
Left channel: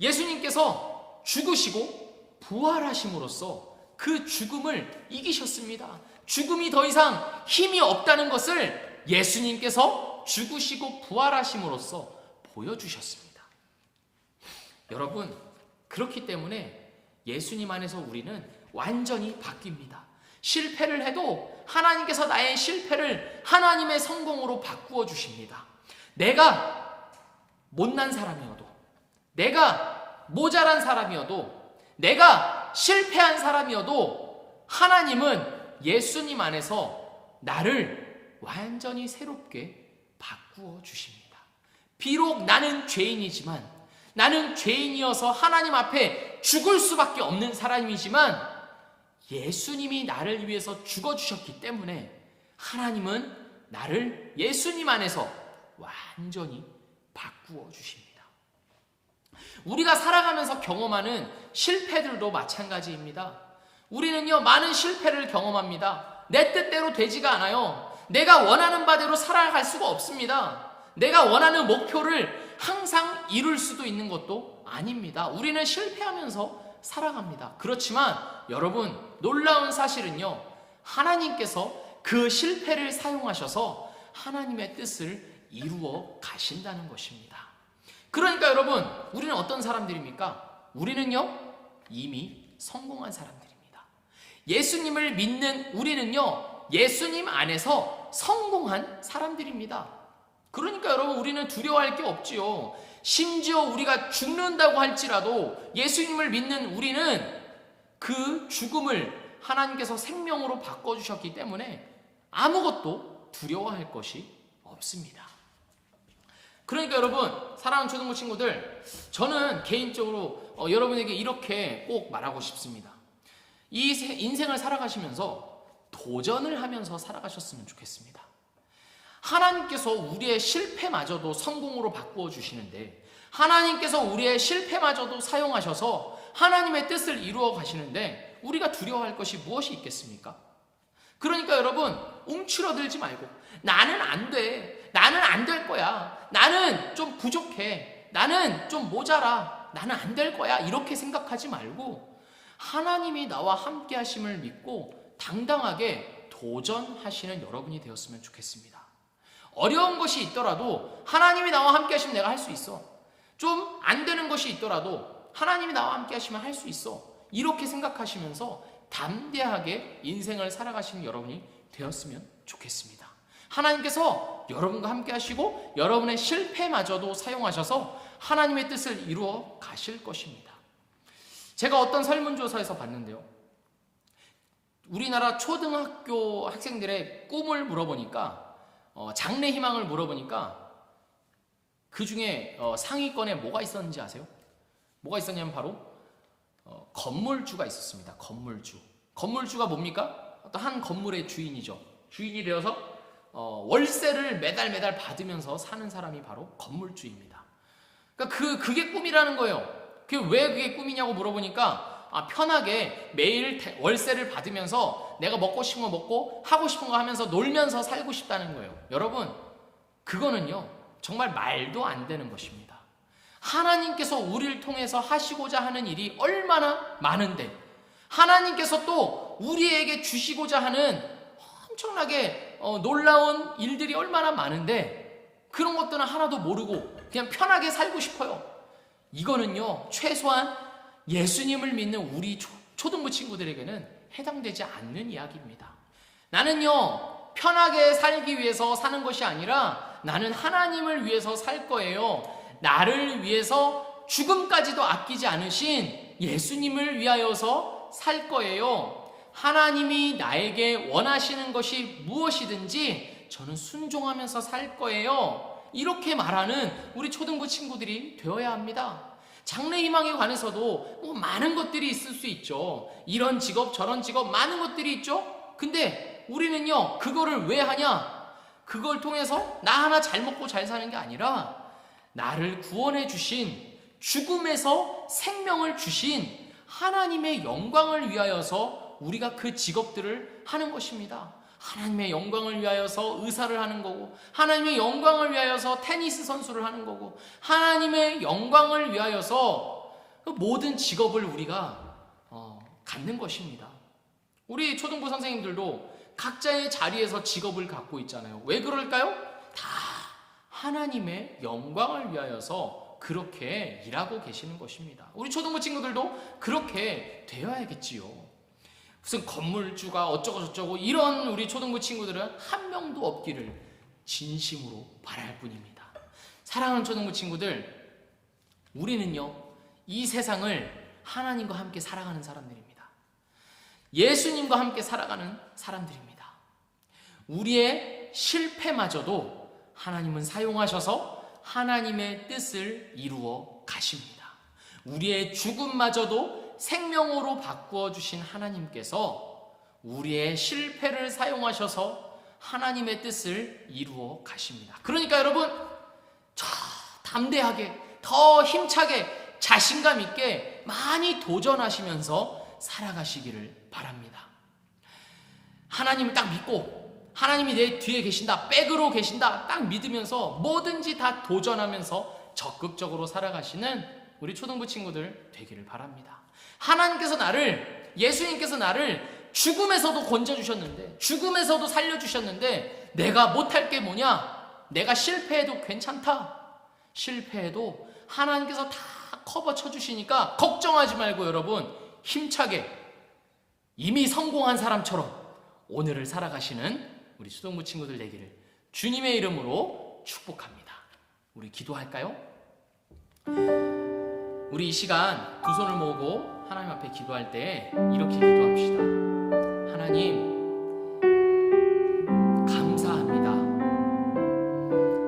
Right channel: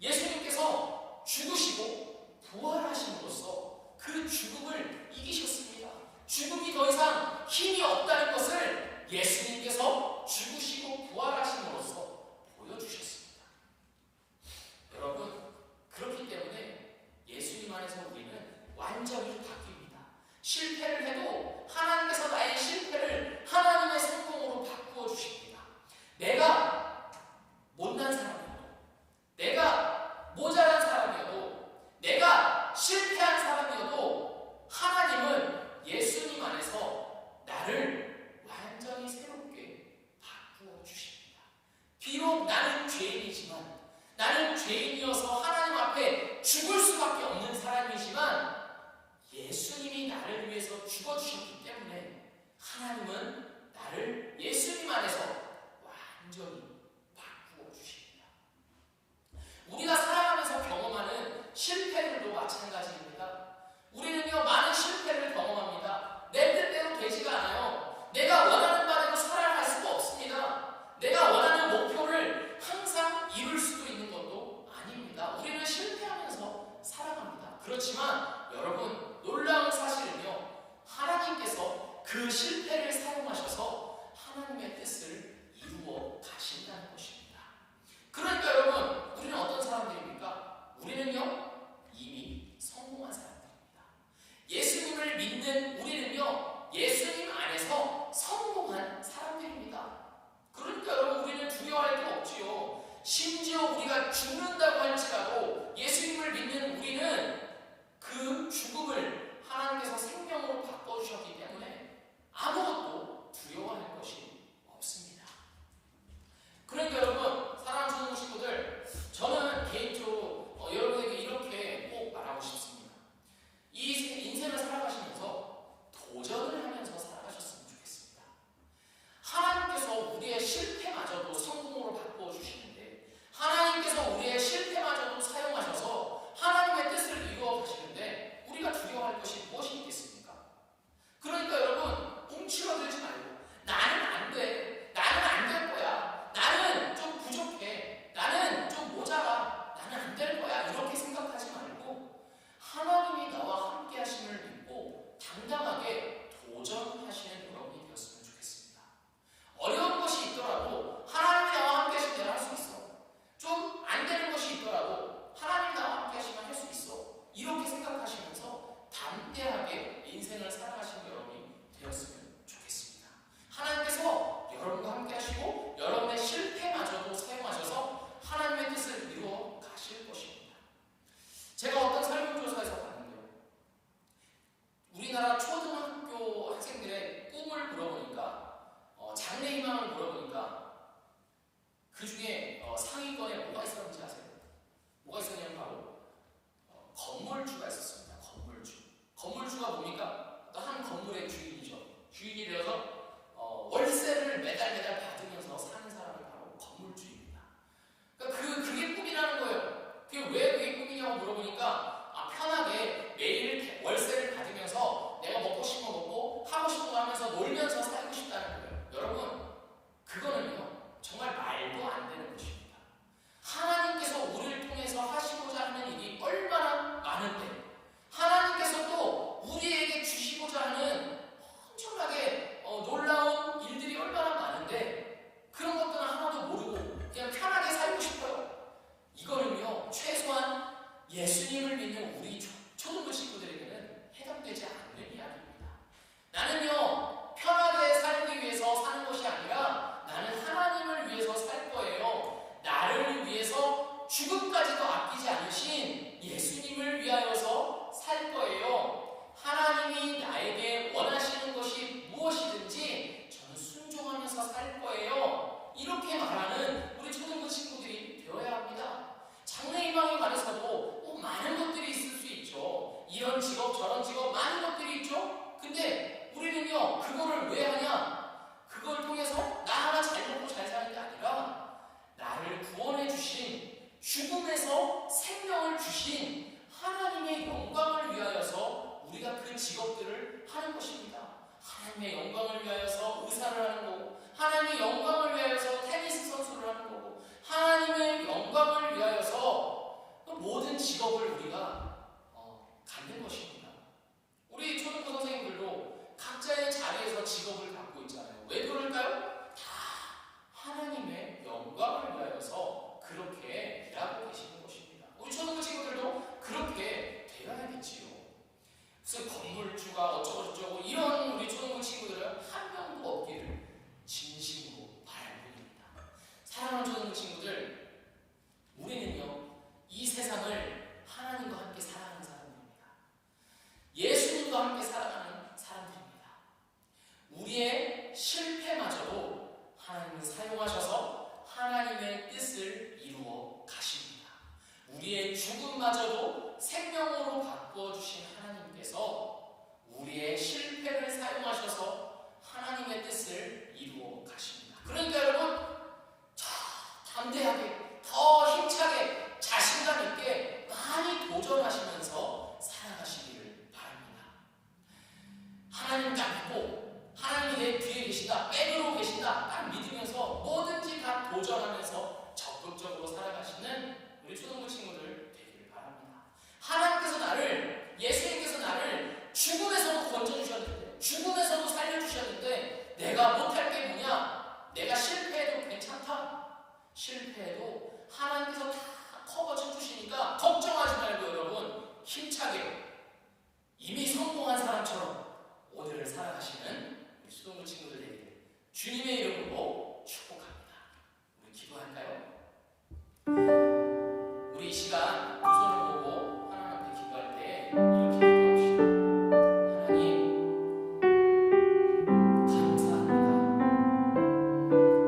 예수님께서 죽으시고 부활하심으로써 그 죽음을 이기셨습니다. 죽음이 더 이상 힘이 없다는 것을 예수님께서 죽으시고 부활하심으로써 보여주셨습니다. 여러분, 그렇기 때문에 예수님 안에서 우리는 완전히 바뀝니다. 실패를 해도 하나님께서 나의 실패를 하나님의 성공으로 바꾸어 주십니다. 내가 못난 사람이어도, 내가 모자란 사람이어도, 내가 실패한 사람이어도 하나님은 예수님 안에서 나를 완전히 새롭게 바꾸어 주십니다. 비록 나는 죄인이지만, 나는 죄인이어서 하나님 앞에 죽을 수밖에 없는 사람이지만 예수님이 나를 위해서 죽어주셨기 때문에 하나님은 나를 예수님 안에서 완전히 바꾸어 주십니다. 우리가 살아가면서 경험하는 실패들도 마찬가지입니다. 우리는요, 많은 실패를 경험합니다. 내 뜻대로 되지가 않아요. 내가 원하는 바대로 살아갈 수가 없습니다. 내가 원하는 목표를 항상 이룰 수도 있는 것도 아닙니다. 우리는 실패하면서 살아갑니다. 그렇지만 여러분, 놀라운 사실은요, 하나님께서 그 실패를 사용하셔서 하나님의 뜻을 이루어 가신다는 것입니다. 그러니까 여러분, 우리는 어떤 사람들입니까? 우리는요, 이미 성공한 사람들입니다. 예수님을 믿는 우리는요, 예수님 안에서 성공한 사람들입니다. 그러니까 여러분, 우리는 두려워할 게 없지요. 심지어 우리가 죽는다고 할지라도 예수님을 믿는 우리는 그 죽음을 하나님께서 생명으로 바꿔주셨기 때문에 아무것도 두려워할 것이 없습니다. 그러니까 여러분, 사랑하는 초등부 친구들, 저는 개인적으로 여러분에게 이렇게 꼭 말하고 싶습니다. 이 인생을 살아가시면서 도전을 하면서 살아가셨으면 좋겠습니다. 하나님께서 우리의 실패마저도 성공으로 바꾸어 주시는데, 하나님께서 우리의 실패마저도 사용하셔서 하나님의 뜻을 이루어 가시는데 우리가 두려워할 것이 무엇이 있겠습니까? 그러니까 여러분, 움츠러들지 말고 나는 안 돼, 나는 안 될 거야, 나는 좀 부족해, 나는 좀 모자라, 나는 안 될 거야, 이렇게 생각하지 말고 하나님이 나와 함께 하심을 믿고 당당하게 도전하시는 여러분이 되었으면 좋겠습니다. 어려운 것이 있더라도 하나님이 나와 함께 하시면 내가 할 수 있어. 좀 안 되는 것이 있더라도 하나님이 나와 함께 하시면 할 수 있어. 이렇게 생각하시면서 담대하게 인생을 살아가시는 여러분이 되었으면 좋겠습니다. 하나님께서 여러분과 함께 하시고 여러분의 실패마저도 사용하셔서 하나님의 뜻을 이루어 가실 것입니다. 제가 어떤 설문조사에서 봤는데요, 우리나라 초등학교 학생들의 꿈을 물어보니까 장래 희망을 물어보니까 그 중에 상위권에 뭐가 있었는지 아세요? 뭐가 있었냐면 바로 건물주가 있었습니다. 건물주가 뭡니까? 어떤 한 건물의 주인이죠. 주인이 되어서 월세를 매달 받으면서 사는 사람이 바로 건물주입니다. 그러니까 그게 꿈이라는 거예요. 왜 그게 꿈이냐고 물어보니까 편하게 매일 월세를 받으면서 내가 먹고 싶은 거 먹고 하고 싶은 거 하면서 놀면서 살고 싶다는 거예요. 여러분, 그거는요 정말 말도 안 되는 것입니다. 하나님께서 우리를 통해서 하시고자 하는 일이 얼마나 많은데, 하나님께서 또 우리에게 주시고자 하는 엄청나게 놀라운 일들이 얼마나 많은데 그런 것들은 하나도 모르고 그냥 편하게 살고 싶어요. 이거는요 최소한 예수님을 믿는 우리 초등부 친구들에게는 해당되지 않는 이야기입니다. 나는요 편하게 살기 위해서 사는 것이 아니라 나는 하나님을 위해서 살 거예요. 나를 위해서 죽음까지도 아끼지 않으신 예수님을 위하여서 살 거예요. 하나님이 나에게 원하시는 것이 무엇이든지 저는 순종하면서 살 거예요. 이렇게 말하는 우리 초등부 친구들이 되어야 합니다. 장래 희망에 관해서도 뭐 많은 것들이 있을 수 있죠. 이런 직업 저런 직업 많은 것들이 있죠. 근데 우리는요 그거를 왜 하냐? 그걸 통해서 나 하나 잘 먹고 잘 사는 게 아니라 나를 구원해 주신, 죽음에서 생명을 주신 하나님의 영광을 위하여서 우리가 그 직업들을 하는 것입니다. 하나님의 영광을 위하여서 의사를 하는 거고, 하나님의 영광을 위하여서 테니스 선수를 하는 거고, 하나님의 영광을 위하여서 모든 직업을 우리가 갖는 것입니다. 우리 초등부 선생님들도 각자의 자리에서 직업을 갖고 있잖아요. 왜 그럴까요? 다 하나님의 영광을 위하여서 그렇게 일하고 계시는 것입니다. 우리 초등부 친구들도 그렇게 되어야겠지요. 무슨 건물주가 어쩌고 저쩌고 이런 우리 초등부 친구들은 한 명도 없기를 진심으로 바랄 뿐입니다. 사랑하는 초등부 친구들, 우리는요 이 세상을 하나님과 함께 살아가는 사람들입니다. 예수님과 함께 살아가는 사람들입니다. 우리의 실패마저도 하나님은 사용하셔서 하나님의 뜻을 이루어 가십니다. 우리의 죽음마저도 생명으로 바꾸어 주신 하나님께서 우리의 실패를 사용하셔서 하나님의 뜻을 이루어 가십니다. 그러니까 여러분, 더 담대하게, 더 힘차게, 자신감 있게 많이 도전하시면서 살아가시기를 바랍니다. 하나님 딱 믿고 하나님이 내 뒤에 계신다, 백으로 계신다 딱 믿으면서 뭐든지 다 도전하면서 적극적으로 살아가시는 우리 초등부 친구들 되기를 바랍니다. 하나님께서 예수님께서 나를 죽음에서도 건져주셨는데, 죽음에서도 살려주셨는데 내가 못할 게 뭐냐? 내가 실패해도 괜찮다. 실패해도 하나님께서 다 커버 쳐주시니까 걱정하지 말고 여러분 힘차게 이미 성공한 사람처럼 오늘을 살아가시는 우리 초등부 친구들 되기를 주님의 이름으로 축복합니다. 우리 기도할까요? 우리 이 시간 두 손을 모으고 하나님 앞에 기도할 때 이렇게 기도합시다. 하나님, 감사합니다.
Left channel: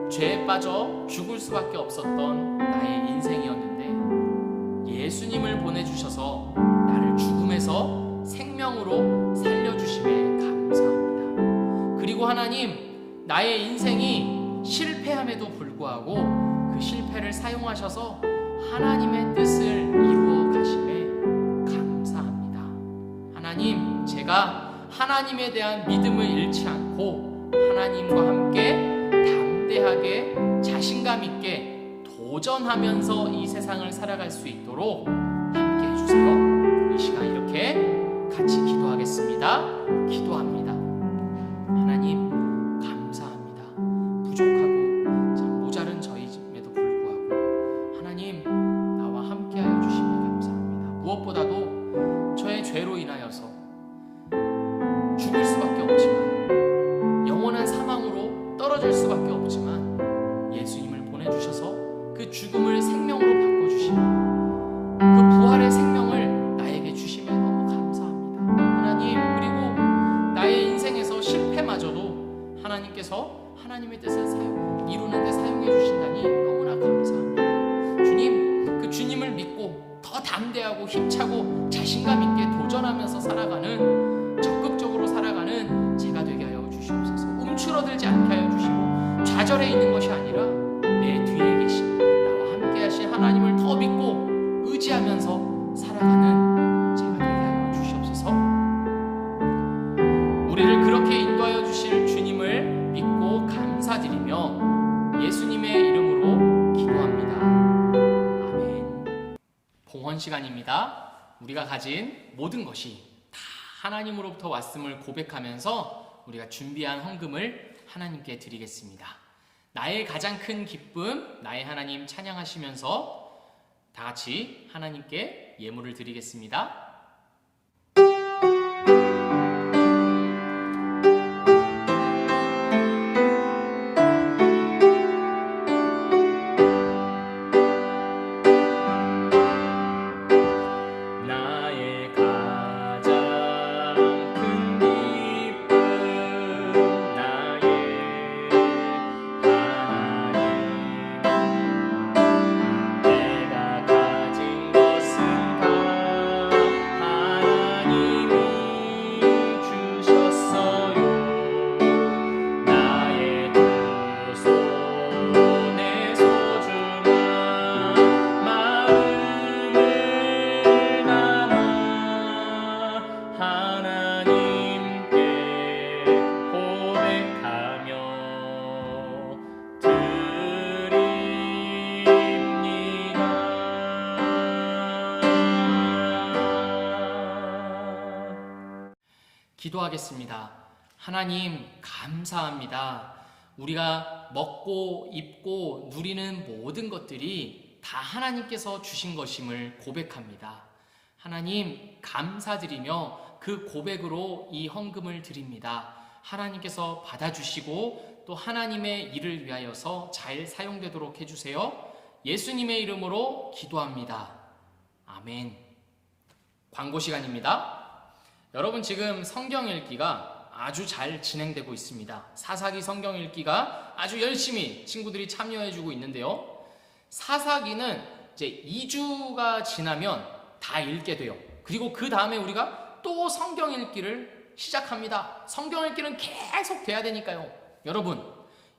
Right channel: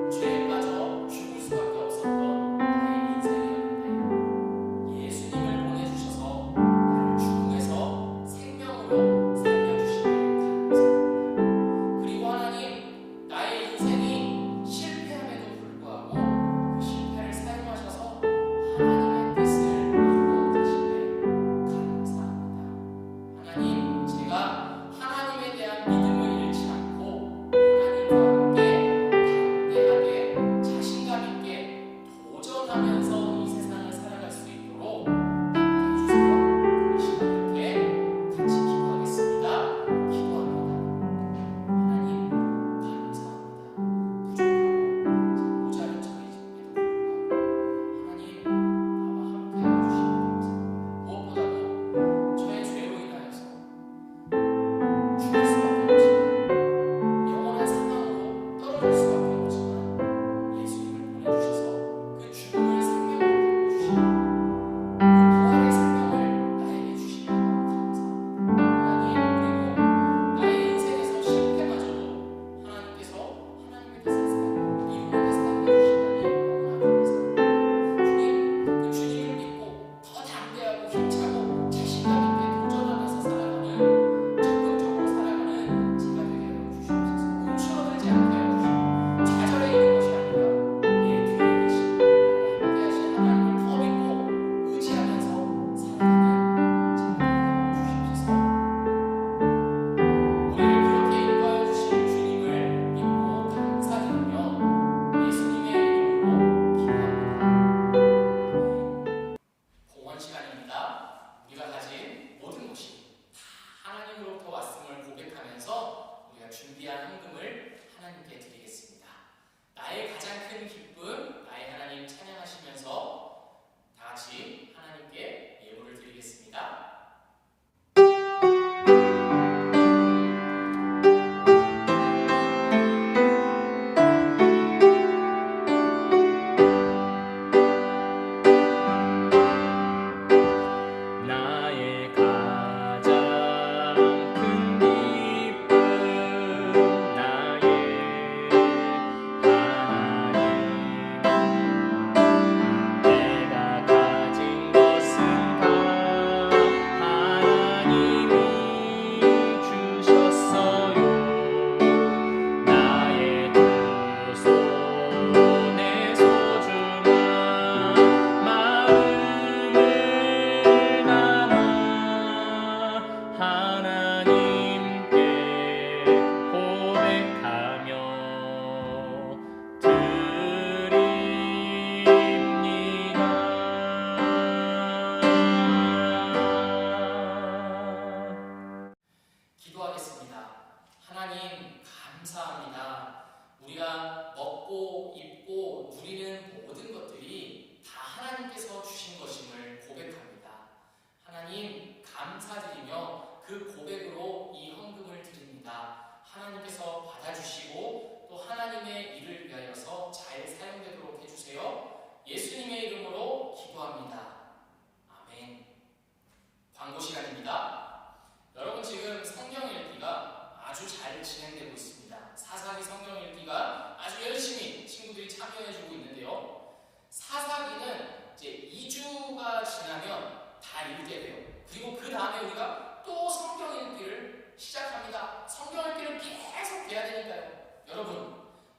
죄에 빠져 죽을 수밖에 없었던 나의 인생이었는데 예수님을 보내주셔서 나를 죽음에서 생명으로 살려주심에 감사합니다. 그리고 하나님, 나의 인생이 실패함에도 불구하고 그 실패를 사용하셔서 하나님의 뜻을 이루어 가심에 감사합니다. 하나님, 제가 하나님에 대한 믿음을 잃지 않고 하나님과 함께 담대하게 자신감 있게 도전하면서 이 세상을 살아갈 수 있도록 함께 해주세요. 이 시간 이렇게 같이 기도하겠습니다. 기도합니다. 하나님, 감사합니다. 부족하고 참 모자른 저희임에도 불구하고 하나님 나와 함께하여 주시니 감사합니다. 무엇보다도 저의 죄로 인하여서 죽을 수밖에 없지만 영원한 사망으로 아닙니다. 우리가 가진 모든 것이 다 하나님으로부터 왔음을 고백하면서 우리가 준비한 헌금을 하나님께 드리겠습니다. 나의 가장 큰 기쁨, 나의 하나님 찬양하시면서 다 같이 하나님께 예물을 드리겠습니다. 기도하겠습니다. 하나님 감사합니다. 우리가 먹고 입고 누리는 모든 것들이 다 하나님께서 주신 것임을 고백합니다. 하나님 감사드리며 그 고백으로 이 헌금을 드립니다. 하나님께서 받아주시고 또 하나님의 일을 위하여서 잘 사용되도록 해주세요. 예수님의 이름으로 기도합니다. 아멘. 광고 시간입니다. 여러분, 지금 성경 읽기가 아주 잘 진행되고 있습니다. 사사기 성경 읽기가 아주 열심히 친구들이 참여해주고 있는데요. 사사기는 이제 2주가 지나면 다 읽게 돼요. 그리고 그 다음에 우리가 또 성경 읽기를 시작합니다. 성경 읽기는 계속 돼야 되니까요. 여러분,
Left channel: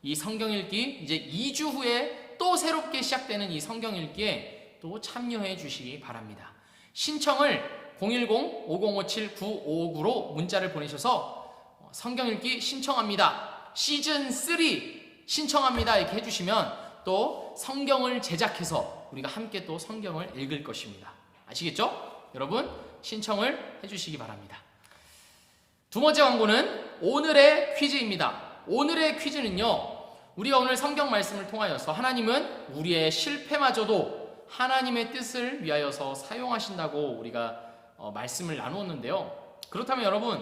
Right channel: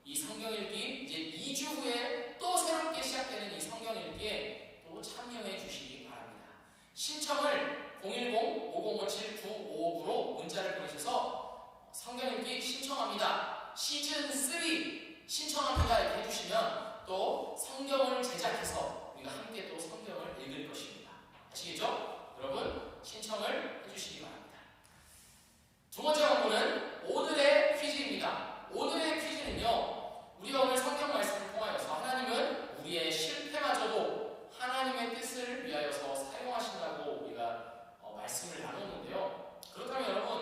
이 성경 읽기 이제 2주 후에 또 새롭게 시작되는 이 성경 읽기에 또 참여해 주시기 바랍니다. 신청을 010-5057-9559로 문자를 보내셔서 성경 읽기 신청합니다. 시즌 3 신청합니다. 이렇게 해주시면 또 성경을 제작해서 우리가 함께 또 성경을 읽을 것입니다. 아시겠죠? 여러분, 신청을 해주시기 바랍니다. 두 번째 광고는 오늘의 퀴즈입니다. 오늘의 퀴즈는요, 우리가 오늘 성경 말씀을 통하여서 하나님은 우리의 실패마저도 하나님의 뜻을 위하여서 사용하신다고 우리가 말씀을 나누었는데요. 그렇다면 여러분,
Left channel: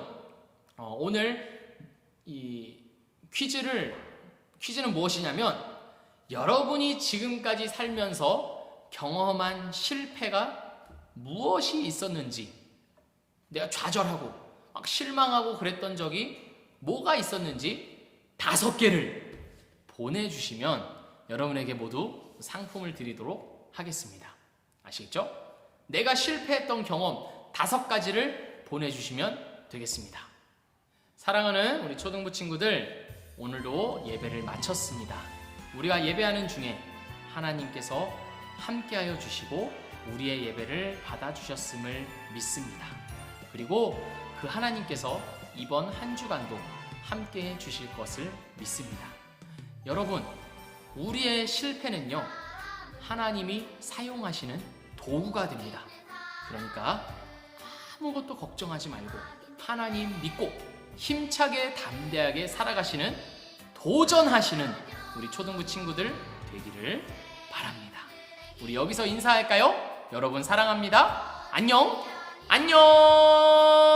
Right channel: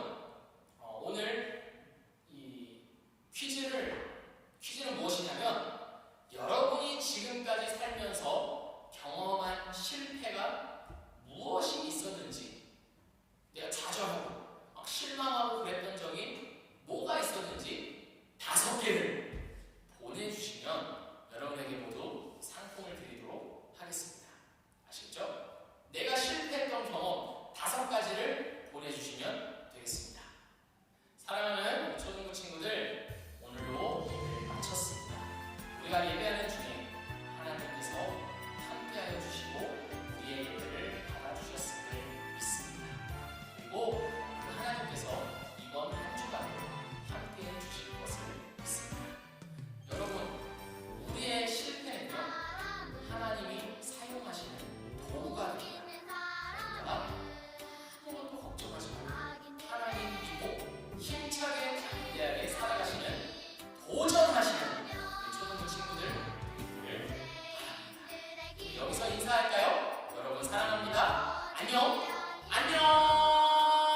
오늘 이 퀴즈는 무엇이냐면, 여러분이 지금까지 살면서 경험한 실패가 무엇이 있었는지, 내가 좌절하고 막 실망하고 그랬던 적이 뭐가 있었는지 5개를 보내주시면 여러분에게 모두 상품을 드리도록 하겠습니다. 아시겠죠? 내가 실패했던 경험 5가지를 보내주시면 되겠습니다. 사랑하는 우리 초등부 친구들, 오늘도 예배를 마쳤습니다. 우리가 예배하는 중에 하나님께서 함께하여 주시고 우리의 예배를 받아주셨음을 믿습니다. 그리고 그 하나님께서 이번 한 주간도 함께해 주실 것을 믿습니다. 여러분, 우리의 실패는요, 하나님이 사용하시는 도구가 됩니다. 그러니까 아무것도 걱정하지 말고 하나님 믿고 힘차게 담대하게 살아가시는, 도전하시는 우리 초등부 친구들 되기를 바랍니다. 우리 여기서 인사할까요? 여러분 사랑합니다. 안녕. 안녕.